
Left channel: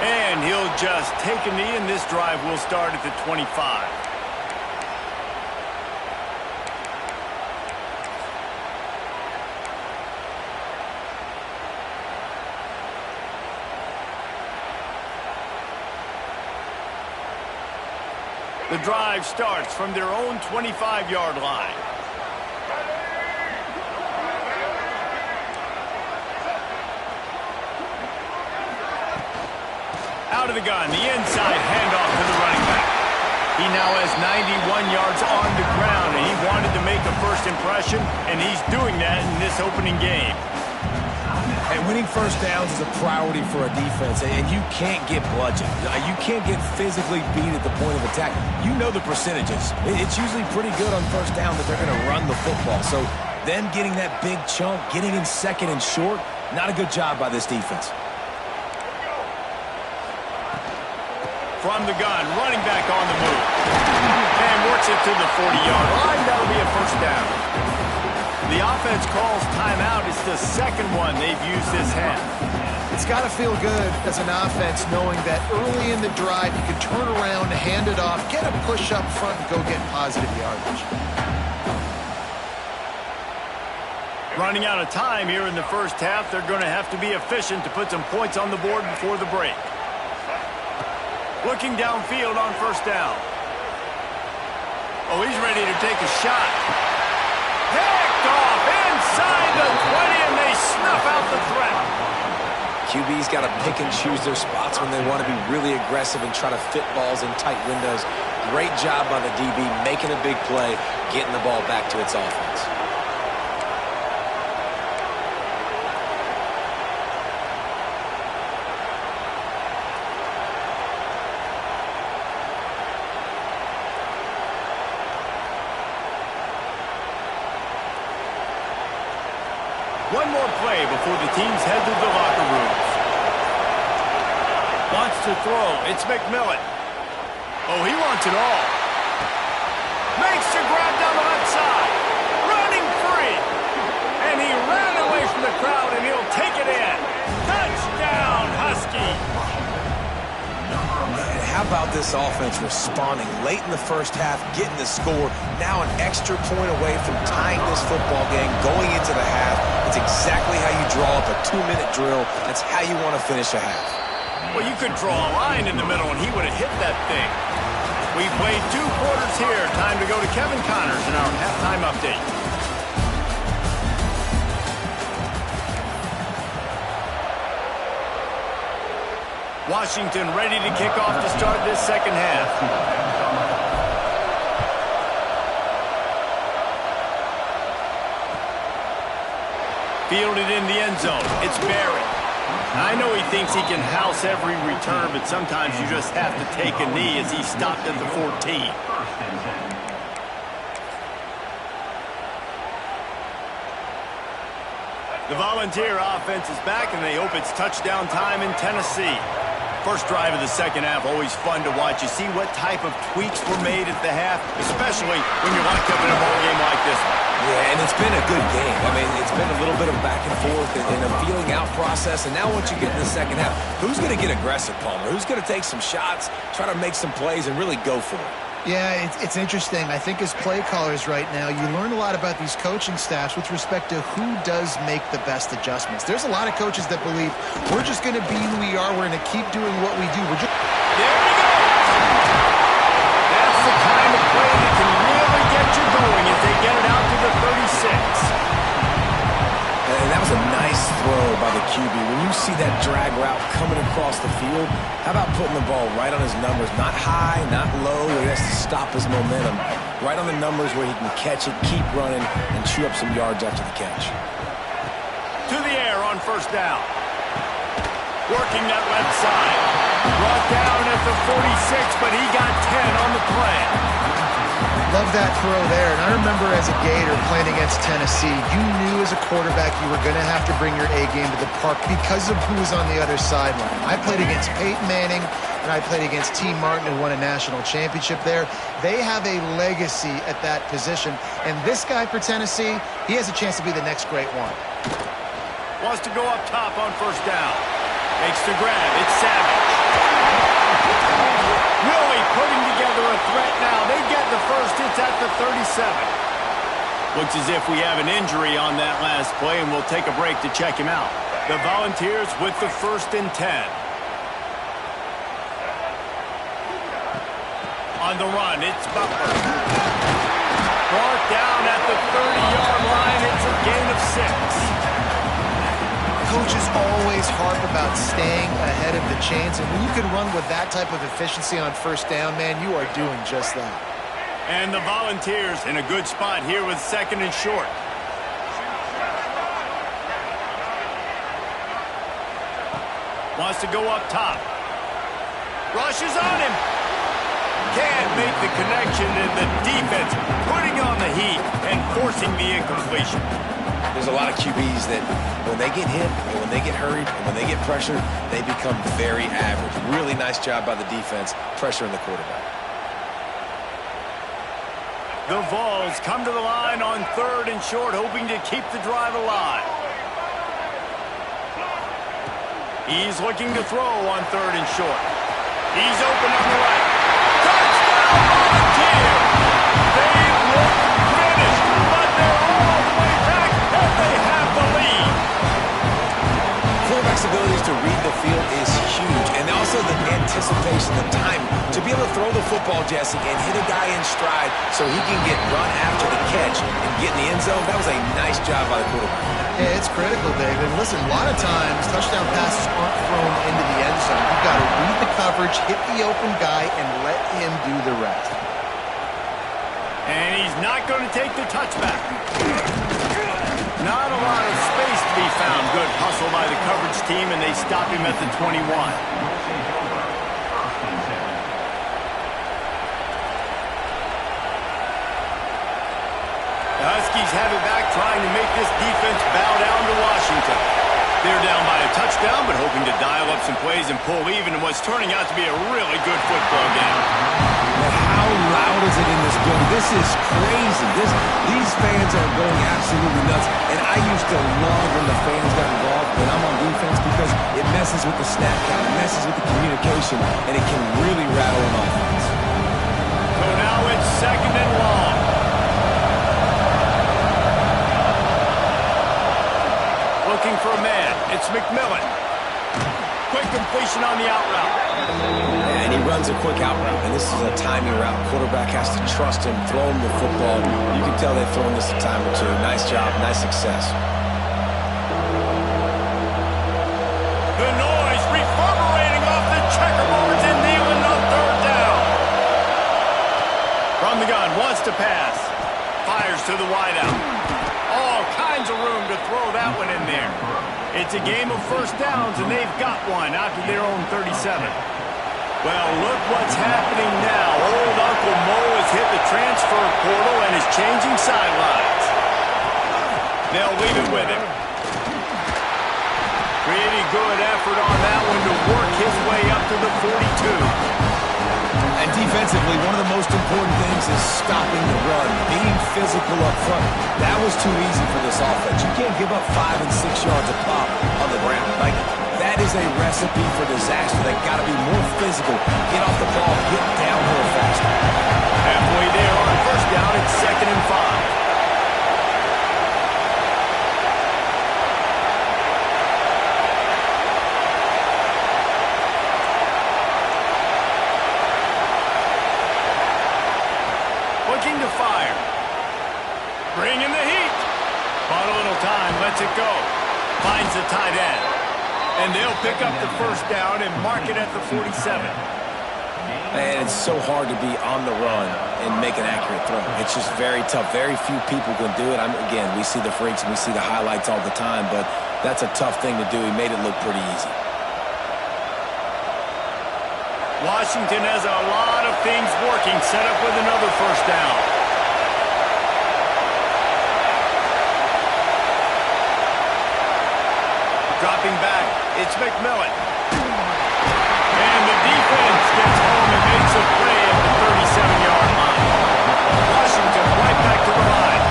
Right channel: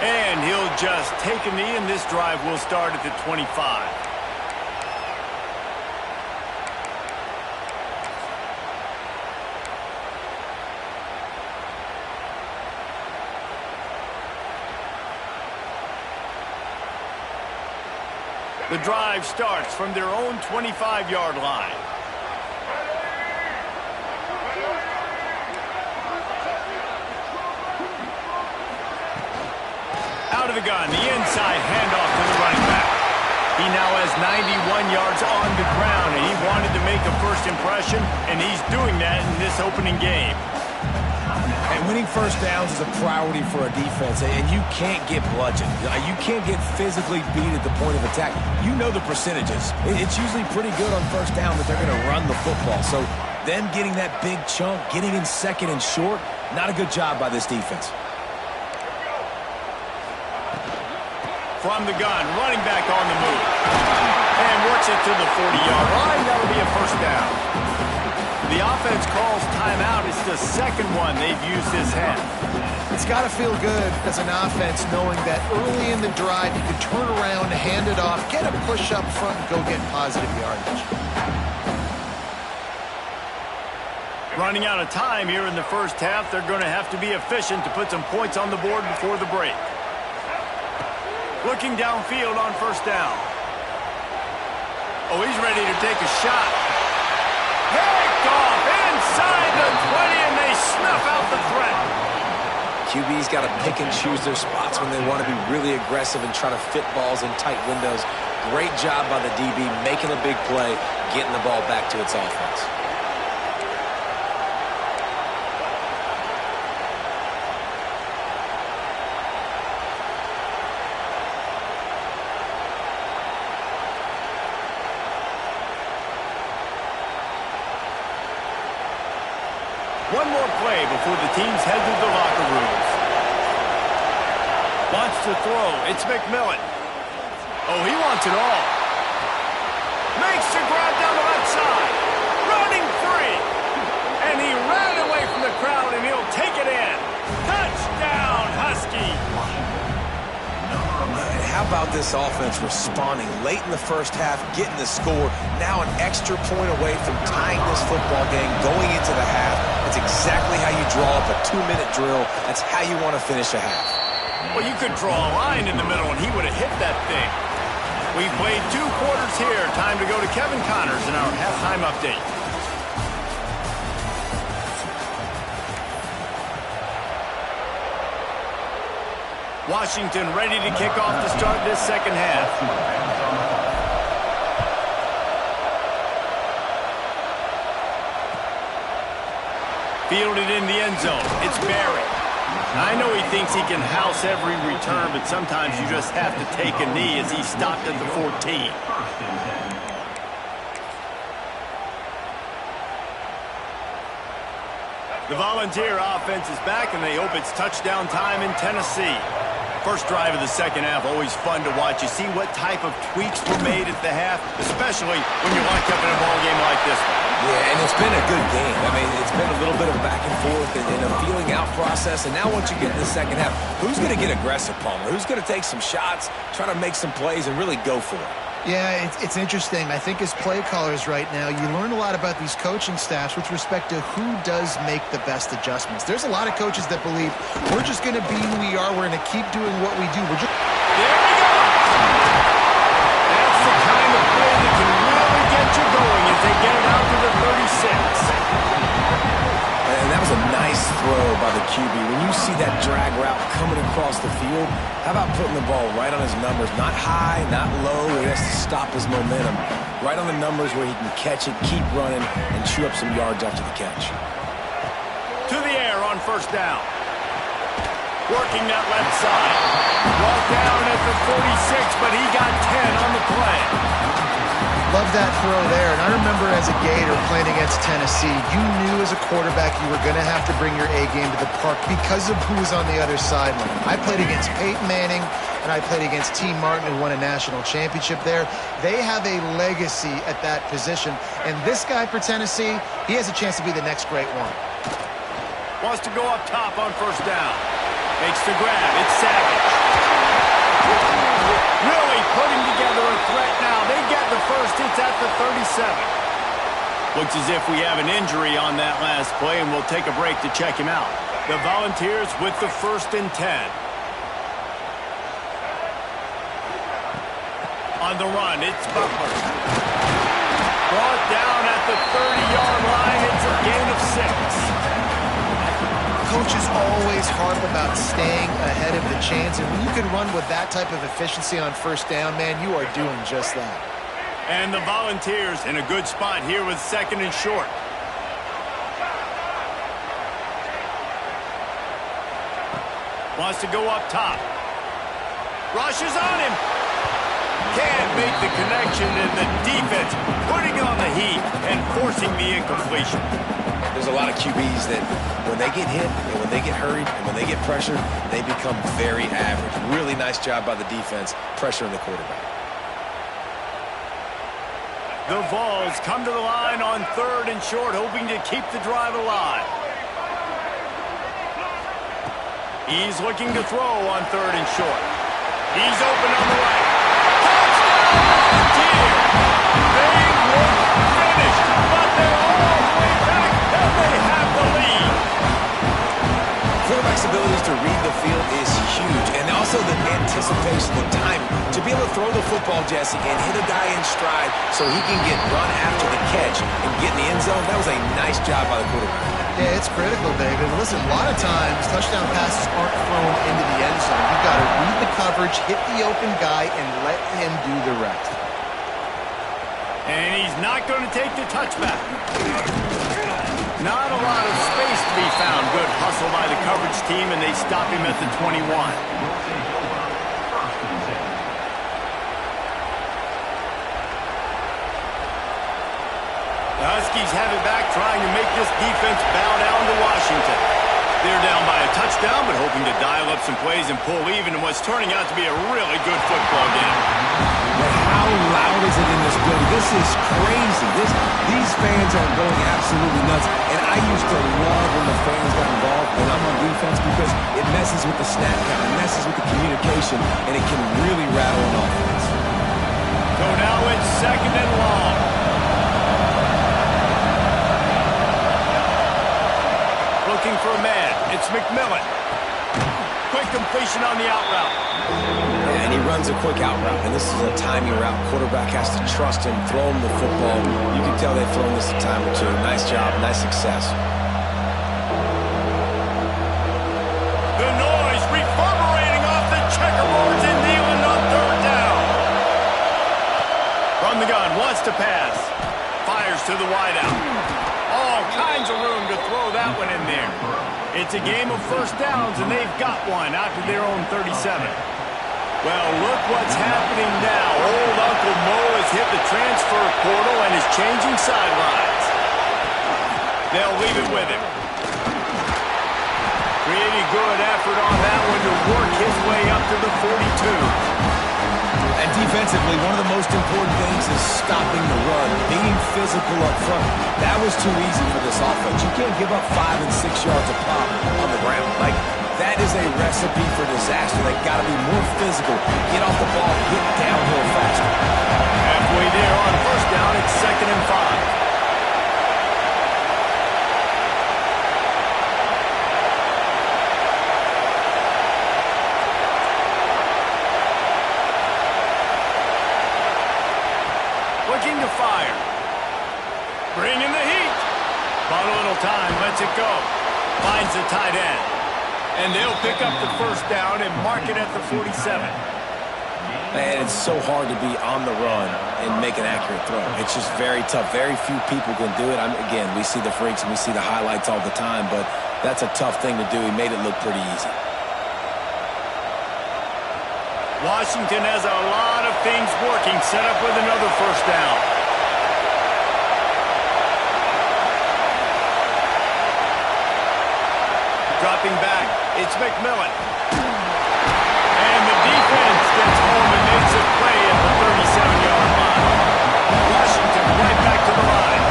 And he'll just take a knee, and this drive will start at the 25. The drive starts from their own 25-yard line. Out of the gun, the inside handoff to the running back. He now has 91 yards on the ground, and he wanted to make a first impression, and he's doing that in this opening game. And winning first downs is a priority for a defense, and you can't get bludgeoned. You can't get physically beat at the point of attack. You know the percentages. It's usually pretty good on first down that they're going to run the football. So them getting that big chunk, getting in 2nd and short, not a good job by this defense. From the gun, running back on the move. And works it to the 40-yard line. That'll be a first down. The offense calls timeout. It's the 2nd one they've used this half. It's got to feel good as an offense knowing that early in the drive you can turn around, hand it off, get a push up front, and go get positive yardage. Running out of time here in the first half, they're going to have to be efficient to put some points on the board before the break. Looking downfield on first down. Oh, he's ready to take a shot. Picked off inside the 20, and they snuff out the threat. QB's got to pick and choose their spots when they want to be really aggressive and try to fit balls in tight windows. Great job by the DB making a big play, getting the ball back to its offense. One more play before the teams head to the locker rooms. Wants to throw. It's McMillan. Oh, he wants it all. Makes the grab down the left side. Running free. And he ran away from the crowd, and he'll take it in. Touchdown, Husky. And how about this offense responding late in the first half, getting the score, now an extra point away from tying this football game, going into the half. That's exactly how you draw up a 2-minute drill. That's how you want to finish a half. Well, you could draw a line in the middle, and he would have hit that thing. We played 2 quarters here. Time to go to Kevin Connors in our halftime update. Washington ready to kick off to start this second half. Fielded in the end zone. It's Barry. I know he thinks he can house every return, but sometimes you just have to take a knee as he stopped at the 14. The Volunteer offense is back, and they hope it's touchdown time in Tennessee. First drive of the second half, always fun to watch. You see what type of tweaks were made at the half, especially when you're locked up in a ball game like this one. Yeah, and it's been a good game. I mean, it's been a little bit of back and forth and a feeling out process. And now once you get in the second half, who's going to get aggressive, Palmer? Who's going to take some shots, try to make some plays, and really go for it? Yeah, it's interesting. I think as play callers right now, you learn a lot about these coaching staffs with respect to who does make the best adjustments. There's a lot of coaches that believe we're just going to be who we are. We're going to keep doing what we do. There we go. That's the kind of play that can really get you going as they get it out to the 36. And that was a nice throw by the QB. When you see that drag route coming across the field, how about putting the ball right on his numbers? Not high, not low, where he has to stop his momentum. Right on the numbers where he can catch it, keep running, and chew up some yards after the catch. To the air on first down. Working that left side. Brought down at the 46, but he got 10 on the play. Love that throw there. And I remember as a Gator playing against Tennessee, you knew as a quarterback you were going to have to bring your A game to the park because of who was on the other sideline. I played against Peyton Manning, and I played against T. Martin, who won a national championship there. They have a legacy at that position. And this guy for Tennessee, he has a chance to be the next great one. Wants to go up top on first down. Makes the grab. It's Savage. Really putting together a threat now. They get the first. It's at the 37. Looks as if we have an injury on that last play, and we'll take a break to check him out. The Volunteers with the 1st and 10. On the run, it's Butler. Brought down at the 30-yard line. It's a gain of 6. Coaches always harp about staying ahead of the chains, and when you can run with that type of efficiency on first down, man, you are doing just that. And the Volunteers in a good spot here with 2nd and short. Wants to go up top. Rushes on him. Can't make the connection, and the defense putting on the heat and forcing the incompletion. There's a lot of QBs that when they get hit and when they get hurried and when they get pressured, they become very average. Really nice job by the defense pressuring the quarterback. The Vols come to the line on 3rd and short, hoping to keep the drive alive. He's looking to throw on 3rd and short. He's open on the right. Touchdown, Volunteers! They look finished, but they're all the way back, and they have the lead. Quarterback's abilities to read the field is huge, and also the anticipation, the time to be able to throw the football, Jesse, and hit a guy in stride so he can get run after the catch and get in the end zone. That was a nice job by the quarterback. Yeah, it's critical, David. Listen, a lot of times touchdown passes aren't thrown into the end zone. You've got to read the coverage, hit the open guy, and let him do the rest. And he's not going to take the touchback. Not a lot of space to be found. Good hustle by the coverage team, and they stop him at the 21. The Huskies have it back, trying to make this defense bow down to Washington. They're down by a touchdown, but hoping to dial up some plays and pull even in what's turning out to be a really good football game. But how loud is it in this building? This is crazy. These fans are going absolutely nuts. And I used to love when the fans got involved when I'm on defense because it messes with the snap count, it messes with the communication, and it can really rattle an offense. So now it's 2nd and long. Looking for a man. It's McMillan. Quick completion on the out route. And he runs a quick out route, and this is a timing route. Quarterback has to trust him, throw him the football. You can tell they've thrown this a time or two. Nice job, nice success. The noise reverberating off the checkerboards in Neyland on 3rd down. From the gun, wants to pass. Fires to the wideout. All kinds of room to throw that one in there. It's a game of 1st downs, and they've got one out to their own 37. Well, look what's happening now. Old Uncle Mo has hit the transfer portal and is changing sidelines. They'll leave it with him. Pretty good effort on that one to work his way up to the 42. And defensively, one of the most important things is stopping the run, being physical up front. That was too easy for this offense. You can't give up 5 and 6 yards a pop on the ground. Like, that is a recipe for disaster. They got to be more physical, get off the ball, get downhill faster. Halfway there on 1st down, it's 2nd and 5. Looking to fire. Bring in the heat. Bought a little time, lets it go. Finds the tight end. And they'll pick up the 1st down and mark it at the 47. And it's so hard to be on the run and make an accurate throw. It's just very tough. Very few people can do it. Again, we see the freaks and we see the highlights all the time, but that's a tough thing to do. He made it look pretty easy. Washington has a lot of things working, set up with another 1st down. Dropping back, it's McMillan. And the defense gets home and makes a play at the 37-yard line. Washington right back to the line.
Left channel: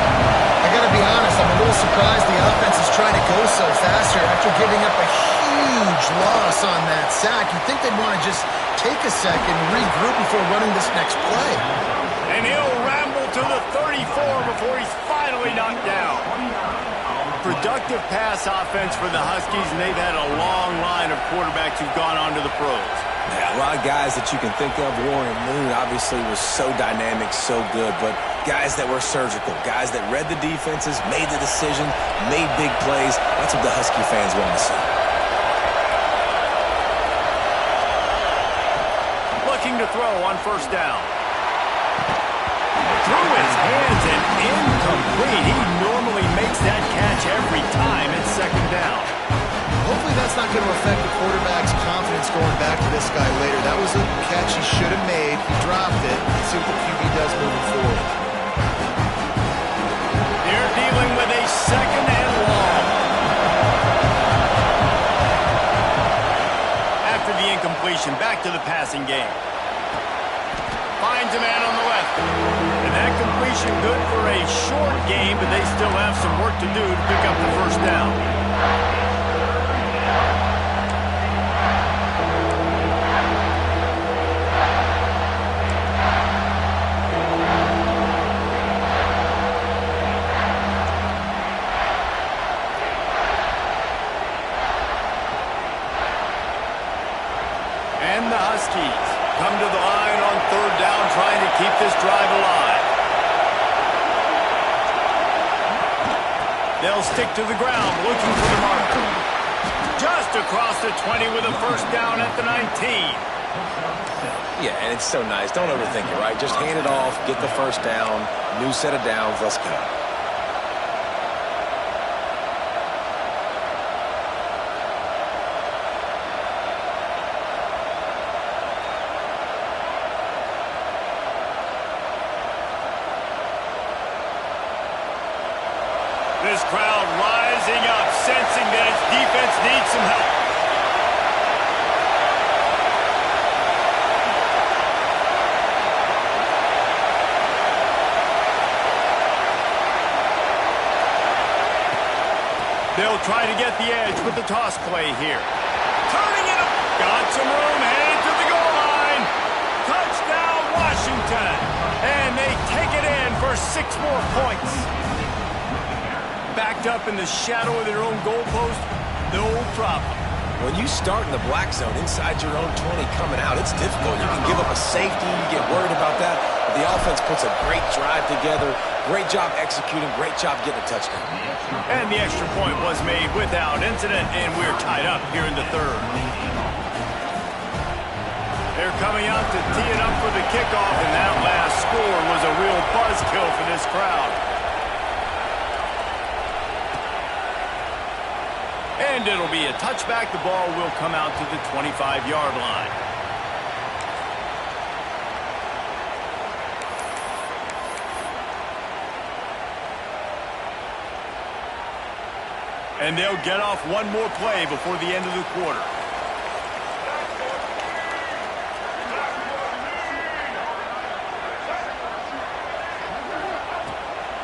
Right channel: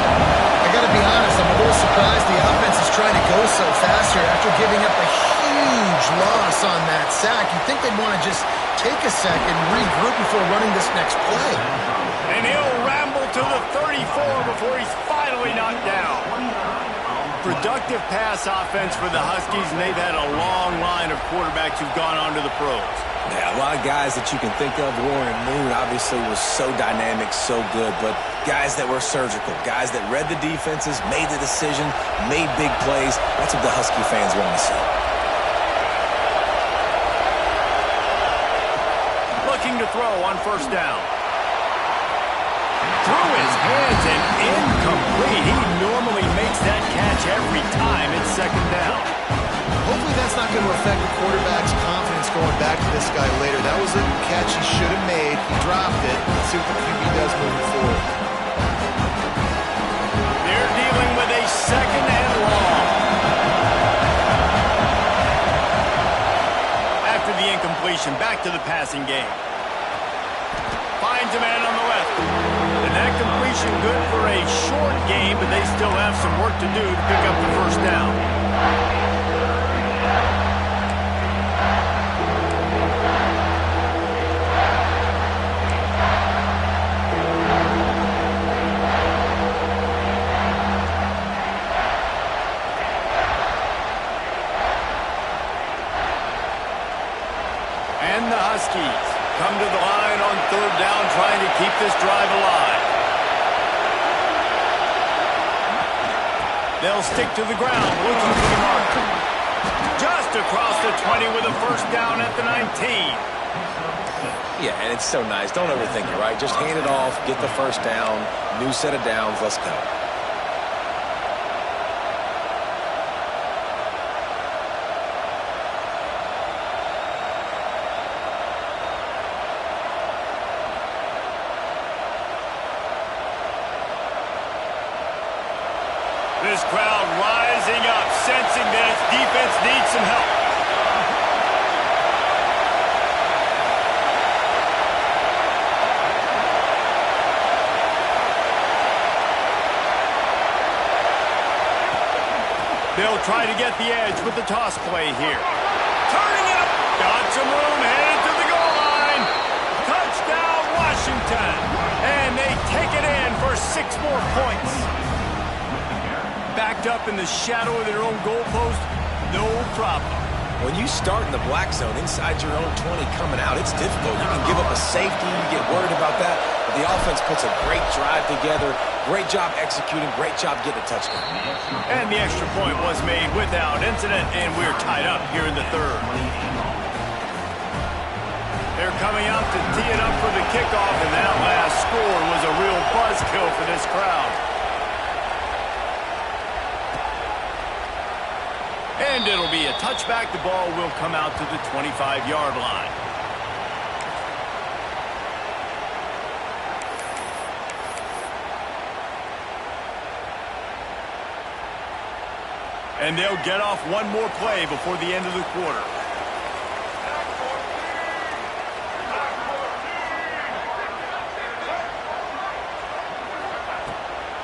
I got to be honest, I'm a little surprised the offense is trying to go so fast here after giving up a huge loss on that sack. You'd think they'd want to just take a second, regroup before running this next play. And he'll ramble to the 34 before he's finally knocked down. Productive pass offense for the Huskies, and they've had a long line of quarterbacks who've gone on to the pros. Yeah, a lot of guys that you can think of. Warren Moon obviously was so dynamic, so good, but guys that were surgical, guys that read the defenses, made the decision, made big plays. That's what the Husky fans want to see. Looking to throw on 1st down. Through his hands and incomplete. He normally makes that catch every time. It's 2nd down. Hopefully that's not going to affect the quarterback's confidence going back to this guy later. That was a catch he should have made. He dropped it. Let's see what the QB does moving forward. They're dealing with a 2nd and long. After the incompletion, back to the passing game. Finds a man on the left. And that completion good for a short game, but they still have some work to do to pick up the 1st down. Huskies come to the line on third down, trying to keep this drive alive. They'll stick to the ground, looking for the marker. Just across the 20 with a first down at the 19. Yeah, and it's so nice. Don't overthink it, right? Just hand it off, get the first down, new set of downs, let's go. This crowd rising up, sensing that its defense needs some help. They'll try to get the edge with the toss play here. Turning it up. Got some room, headed to the goal line. Touchdown, Washington. And they take it in for 6 more points. Backed up in the shadow of their own goalpost, no problem. When you start in the black zone inside your own 20 coming out, it's difficult. You can give up a safety, you get worried about that. But the offense puts a great drive together. Great job executing, great job getting a touchdown. And the extra point was made without incident, and we're tied up here in the third. They're coming out to tee it up for the kickoff, and that last score was a real buzzkill for this crowd. And it'll be a touchback. The ball will come out to the 25-yard line. And they'll get off one more play before the end of the quarter.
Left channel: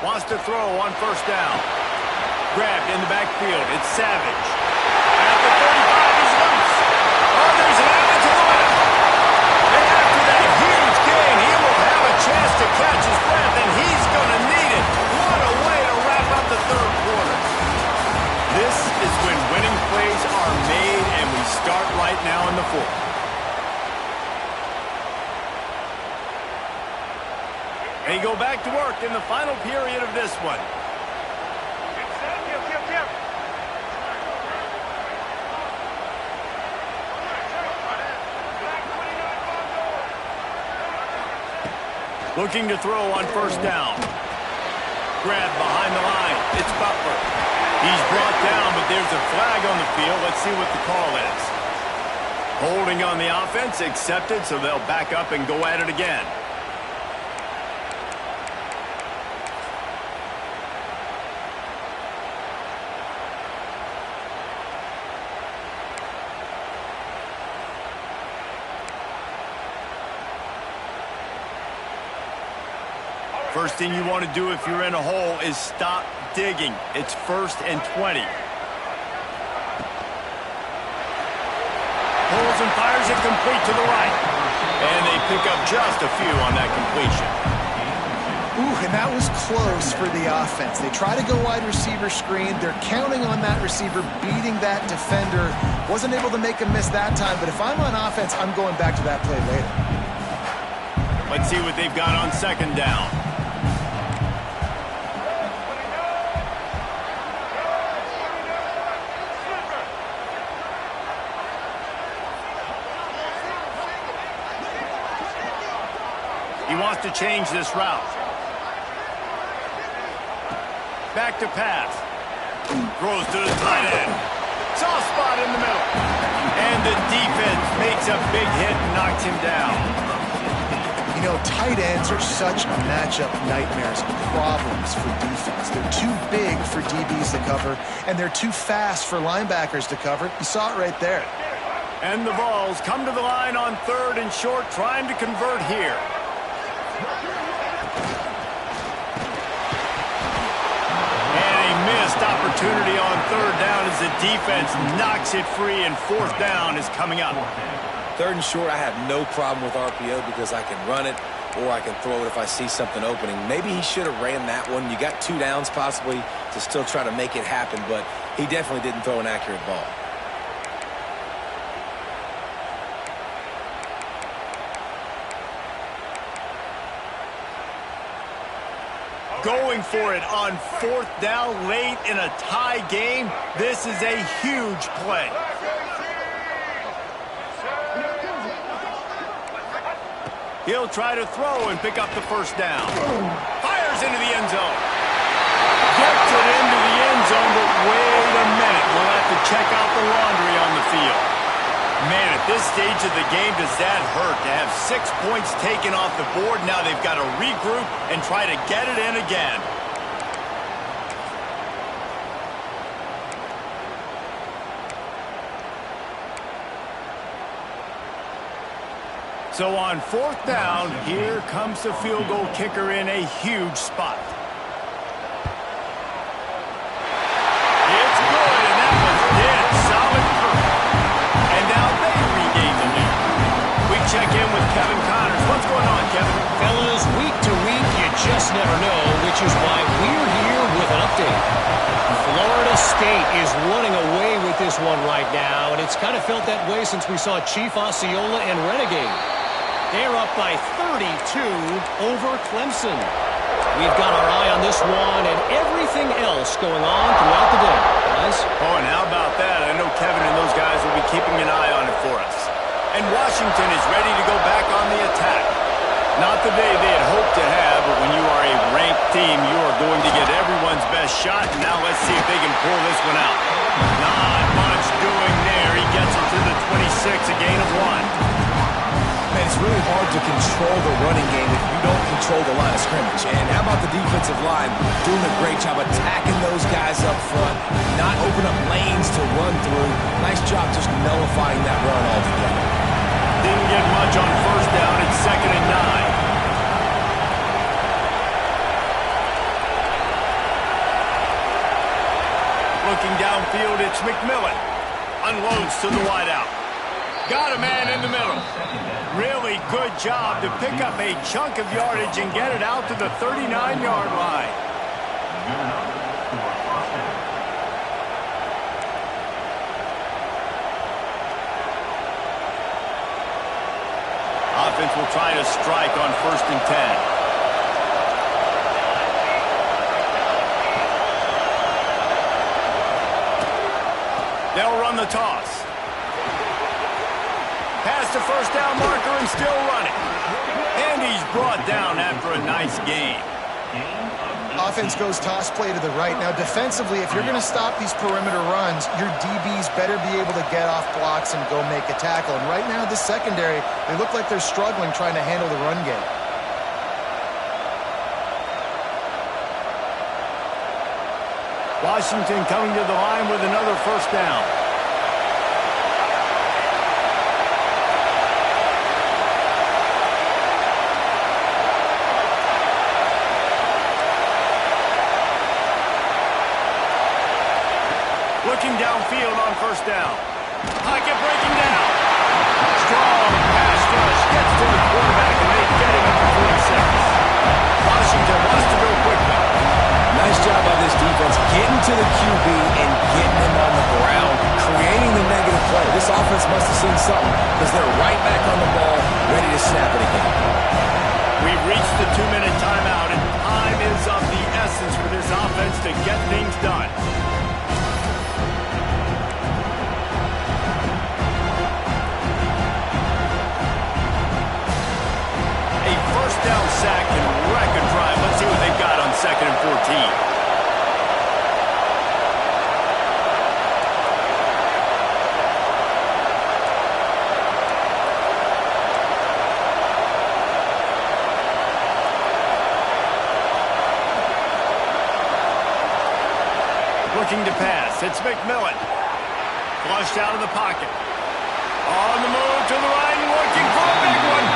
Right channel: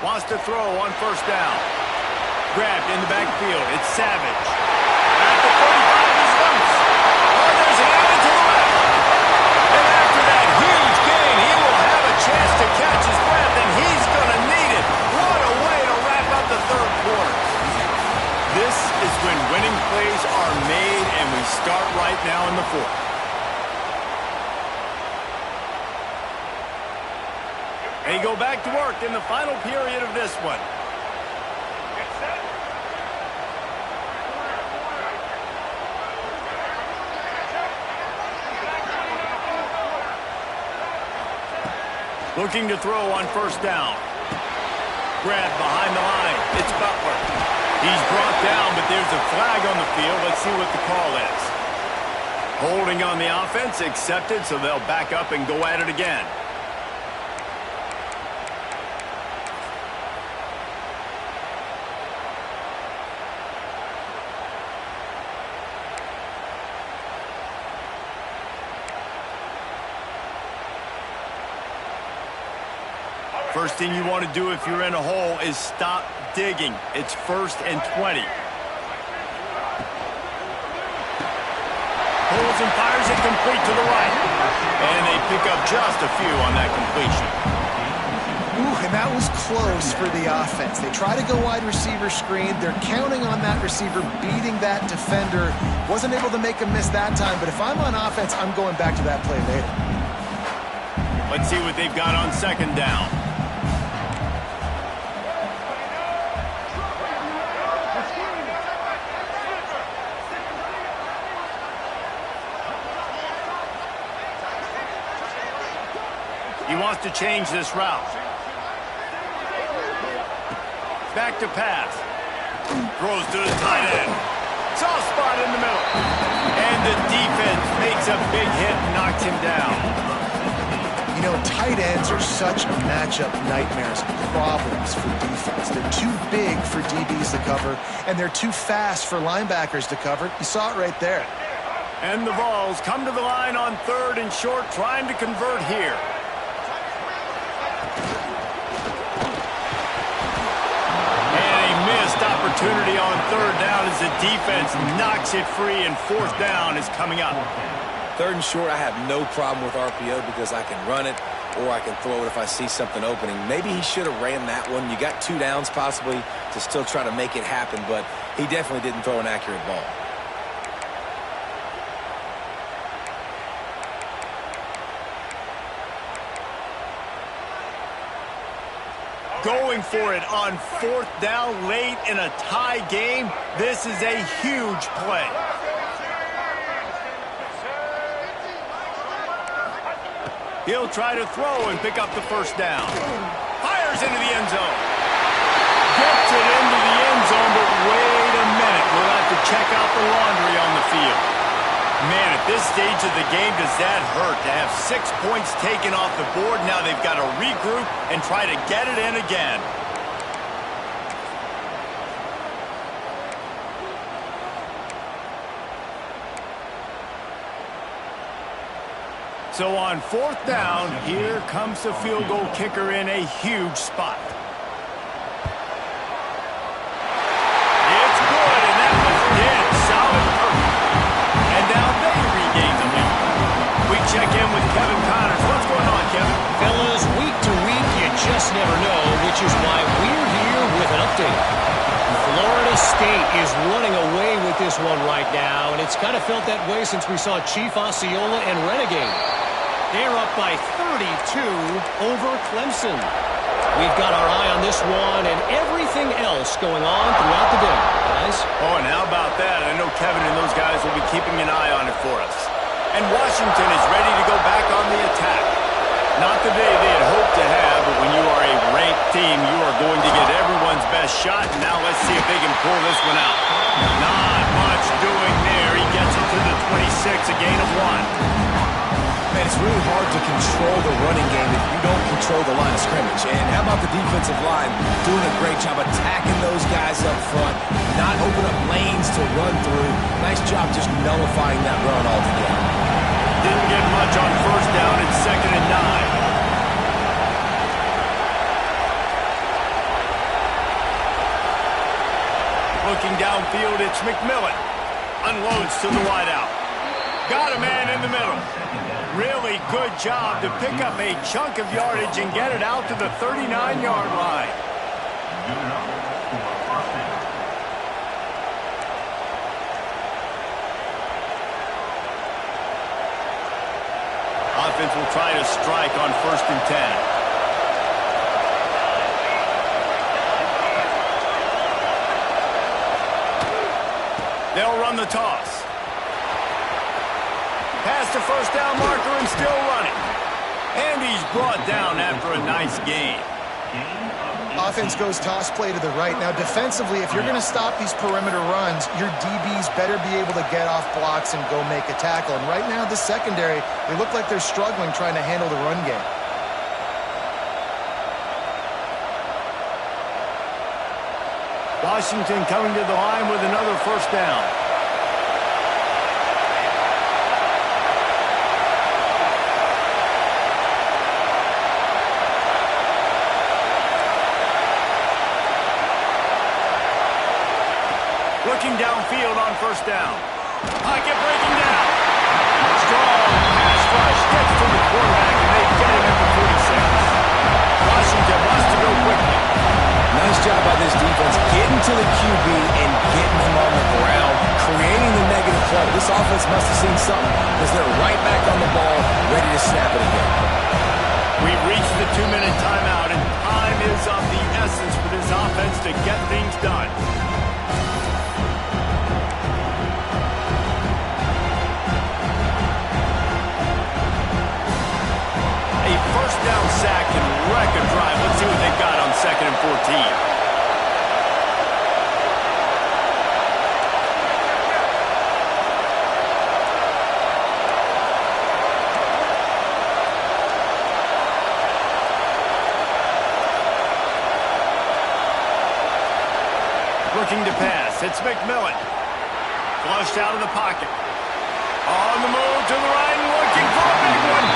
Wants to throw on first down. Grabbed in the backfield. It's Savage. At the 35, he's loose. Oh, there's an alley to the left. And after that huge gain, he will have a chance to catch his breath, and he's going to need it. What a way to wrap up the third quarter. This is when winning plays are made, and we start right now in the fourth. They go back to work in the final period of this one. Looking to throw on first down. Grabbed behind the line. It's Butler. He's brought down, but there's a flag on the field. Let's see what the call is. Holding on the offense, accepted, so they'll back up and go at it again. First thing you want to do if you're in a hole is stop digging. It's 1st and 20. Pulls and fires it complete to the right. And they pick up just a few on that completion. Ooh, and that was close for the offense. They try to go wide receiver screen. They're counting on that receiver beating that defender. Wasn't able to make a miss that time, but if I'm on offense, I'm going back to that play later. Let's see what they've got on second down. He wants to change this route. Back to pass. Throws to the tight end. Soft spot in the middle. And the defense makes a big hit and knocks him down. You know, tight ends are such matchup nightmares, problems for defense. They're too big for DBs to cover, and they're too fast for linebackers to cover. You saw it right there. And the Vols come to the line on 3rd and short, trying to convert here. Missed opportunity on 3rd down as the defense knocks it free, and 4th down is coming up. 3rd and short, I have no problem with RPO because I can run it or I can throw it if I see something opening. Maybe he should have ran that one. You got 2 downs possibly to still try to make it happen, but he definitely didn't throw an accurate ball. going for it on 4th down late in a tie game. This is a huge play. He'll try to throw and pick up the first down. Fires into the end zone. Gets it into the end zone, but wait a minute. We'll have to check out the laundry on the field. Man, at this stage of the game, does that hurt to have 6 points taken off the board? Now they've got to regroup and try to get it in again. So on 4th down, here comes the field goal kicker in a huge spot. It's good, and that was dead solid proof. And now they regain the lead. We check in with Kevin Connors. What's going on, Kevin? Fellas, week to week, you just never know, which is why we're here with an update. Florida State is running away with this one right now, and it's kind of felt that way since we saw Chief Osceola and Renegade. They're up by 32 over Clemson. We've got our eye on this one and everything else going on throughout the day, guys. Oh, and how about that? I know Kevin and those guys will be keeping an eye on it for us. And Washington is ready to go back on the attack. Not the day they had hoped to have, but when you are a ranked team, you are going to get everyone's best shot. And now let's see if they can pull this one out. Not much doing there. He gets it to the 26, a gain of 1. Man, it's really hard to control the running game if you don't control the line of scrimmage. And how about the defensive line doing a great job attacking those guys up front, not open up lanes to run through. Nice job just nullifying that run altogether. Didn't get much on 1st down. It's 2nd and 9. Looking downfield, it's McMillan. Unloads to the wideout. Got a man in the middle. Really good job to pick up a chunk of yardage and get it out to the 39-yard line. Offense will try to strike on 1st and 10. They'll run the toss. Past the 1st down marker and still running. And he's brought down after a nice game. Offense goes toss play to the right. Now, defensively, if you're going to stop these perimeter runs, your DBs better be able to get off blocks and go make a tackle. And right now, this secondary, they look like they're struggling trying to handle the run game. Washington coming to the line with another 1st down. Looking downfield on 1st down. Pocket breaking down. Strong pass rush gets to the quarterback, and they get him at the 46. Washington wants to go quickly. Nice job by this defense getting to the QB and getting him on the ground, creating the negative play. This offense must have seen something because they're right back on the ball, ready to snap it again. We've reached the 2-minute timeout, and time is of the essence for this offense to get things done. A 1st down sack can wreck a drive. Let's see what they've got on 2nd and 14. Looking to pass. It's McMillan. Flushed out of the pocket. On the move to the right and looking for a big one.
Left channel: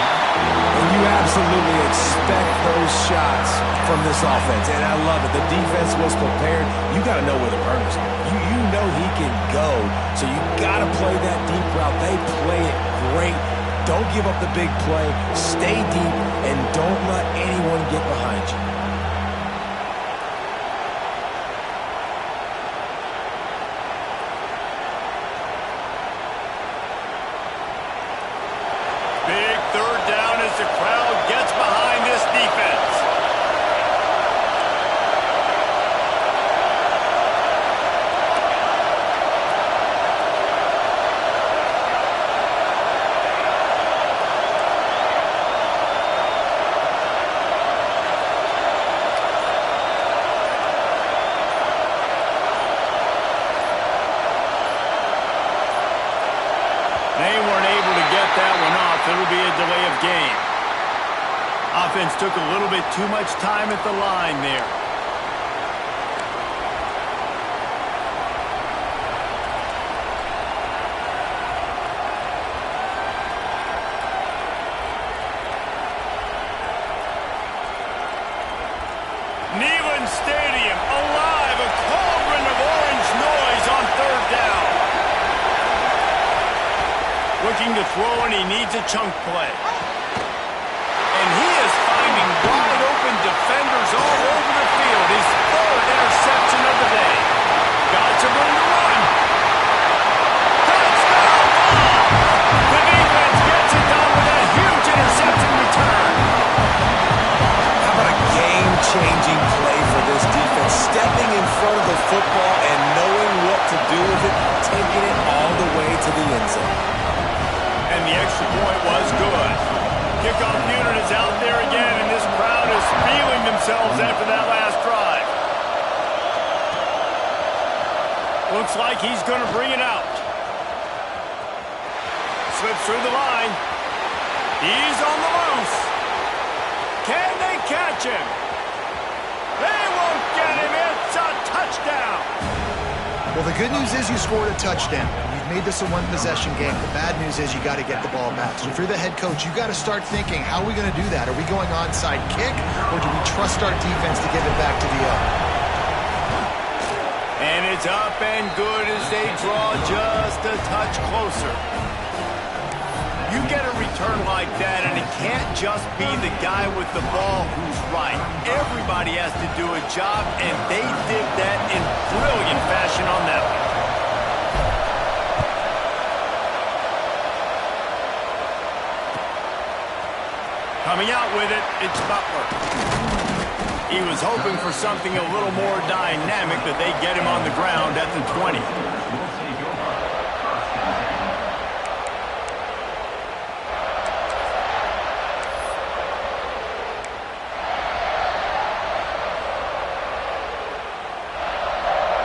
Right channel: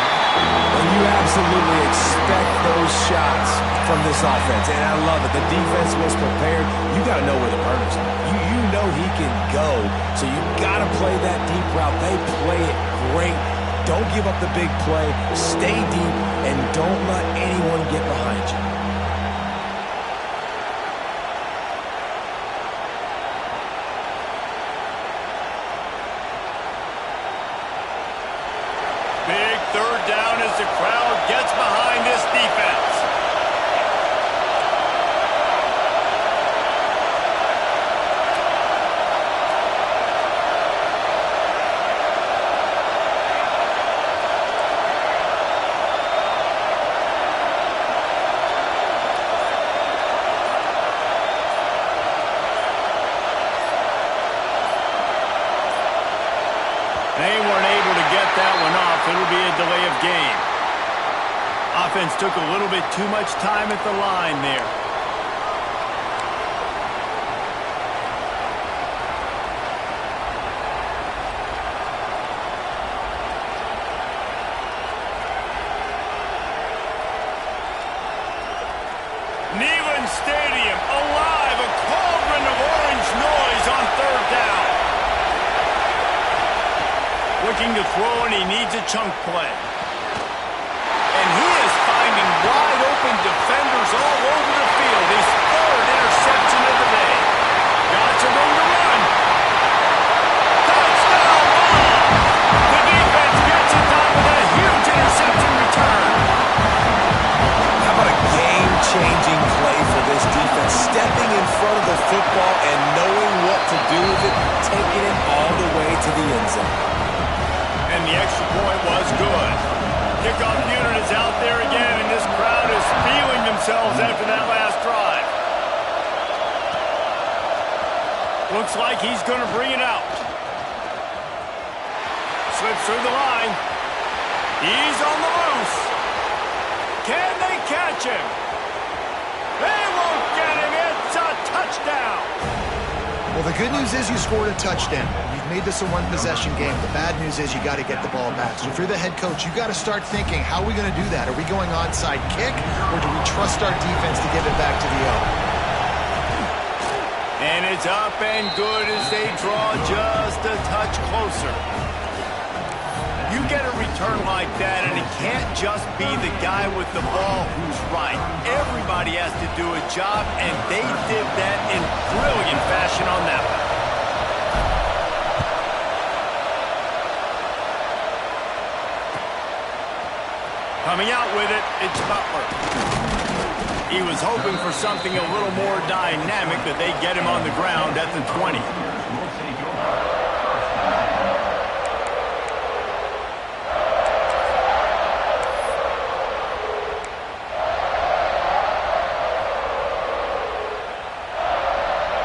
And you absolutely expect those shots from this offense. And I love it. The defense was prepared. You got to know where the burner's are. You know he can go. So you got to play that deep route. They play it great. Don't give up the big play. Stay deep and don't let anyone get behind you. Big 3rd down as the crowd gets behind this defense. that one off. It'll be a delay of game. Offense took a little bit too much time at the line there. Neyland Stadium alive, a cauldron of orange noise on third down. Looking to throw, and he needs a chunk play. And he is finding wide open defenders all over the field. His third interception of the day. Got some room to run. Touchdown ball! The defense gets it done with a huge interception return. How about a game-changing play for this defense? Stepping in front of the football and knowing what to do with it, taking it all the way to the end zone. And the extra point was good. Kickoff unit is out there again, and this crowd is feeling themselves after that last drive. Looks like he's going to bring it out. Slips through the line. He's on the loose. Can they catch him? They won't get him. It's a touchdown. Well, the good news is you scored a touchdown. You've made this a one-possession game. The bad news is you got to get the ball back. So if you're the head coach, you got to start thinking, how are we going to do that? Are we going onside kick, or do we trust our defense to give it back to the O? And it's up and good as they draw just a touch closer. You get a return like that, and it can't just be the guy with the ball who's right. Everybody has to do a job, and they did that in brilliant fashion on that one. Coming out with it, it's Butler. He was hoping for something a little more dynamic, but they get him on the ground at the 20.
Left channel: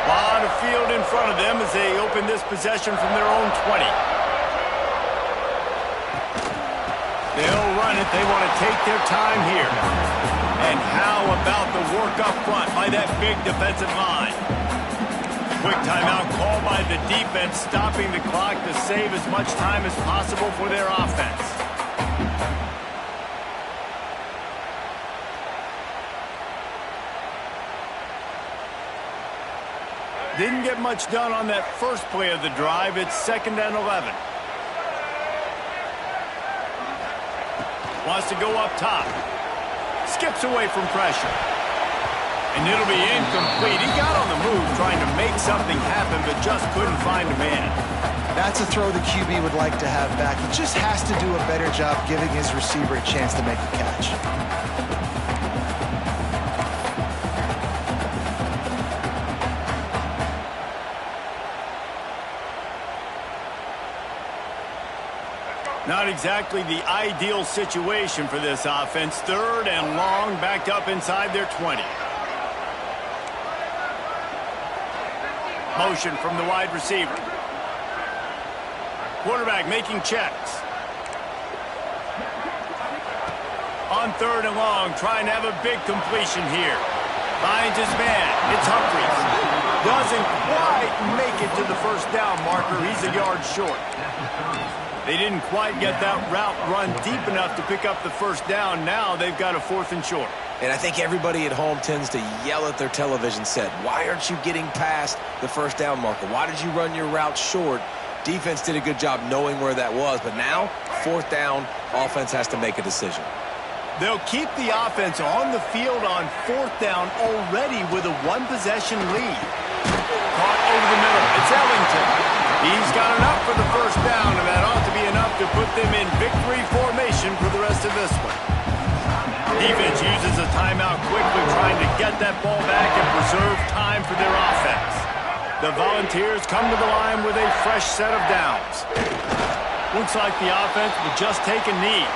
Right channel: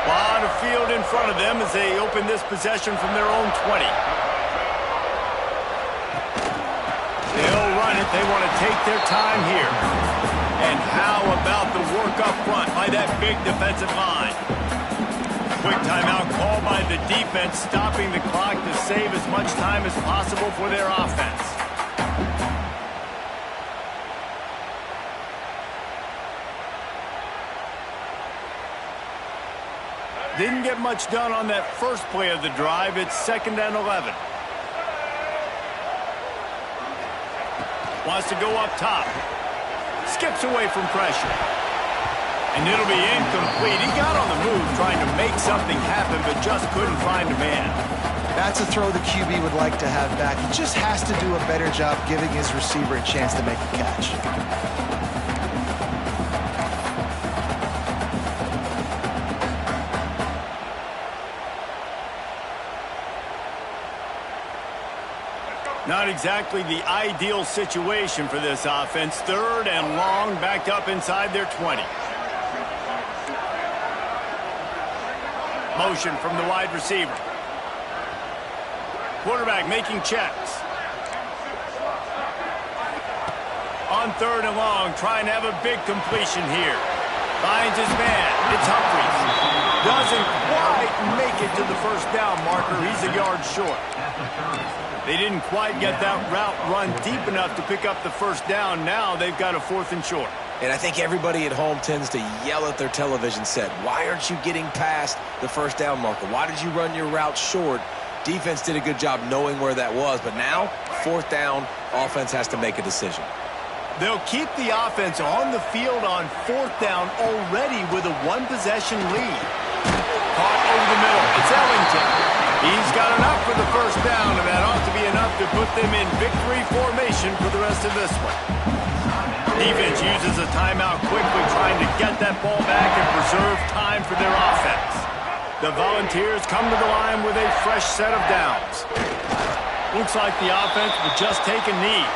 Lot of field in front of them as they open this possession from their own 20. They'll run it. They want to take their time here. And how about the work up front by that big defensive line? Quick timeout called by the defense, stopping the clock to save as much time as possible for their offense. Didn't get much done on that first play of the drive. It's 2nd and 11. Wants to go up top. Skips away from pressure. And it'll be incomplete. He got on the move trying to make something happen, but just couldn't find a man. That's a throw the QB would like to have back. He just has to do a better job giving his receiver a chance to make the catch. Not exactly the ideal situation for this offense. 3rd and long, backed up inside their 20. Motion from the wide receiver. Quarterback making checks. On 3rd and long, trying to have a big completion here. Finds his man. It's Humphries. Doesn't quite make it to the first down marker. He's a yard short. They didn't quite get that route run deep enough to pick up the first down. Now they've got a 4th and short. And I think everybody at home tends to yell at their television set. Why aren't you getting past the first down marker? Why did you run your route short? Defense did a good job knowing where that was. But now, 4th down, offense has to make a decision. They'll keep the offense on the field on 4th down already with a one-possession lead. Caught over the middle. It's Ellington. He's got enough for the first down, and that ought to be enough to put them in victory formation for the rest of this one. Defense uses a timeout quickly, trying to get that ball back and preserve time for their offense. The Volunteers come to the line with a fresh set of downs. Looks like the offense will just take a knee.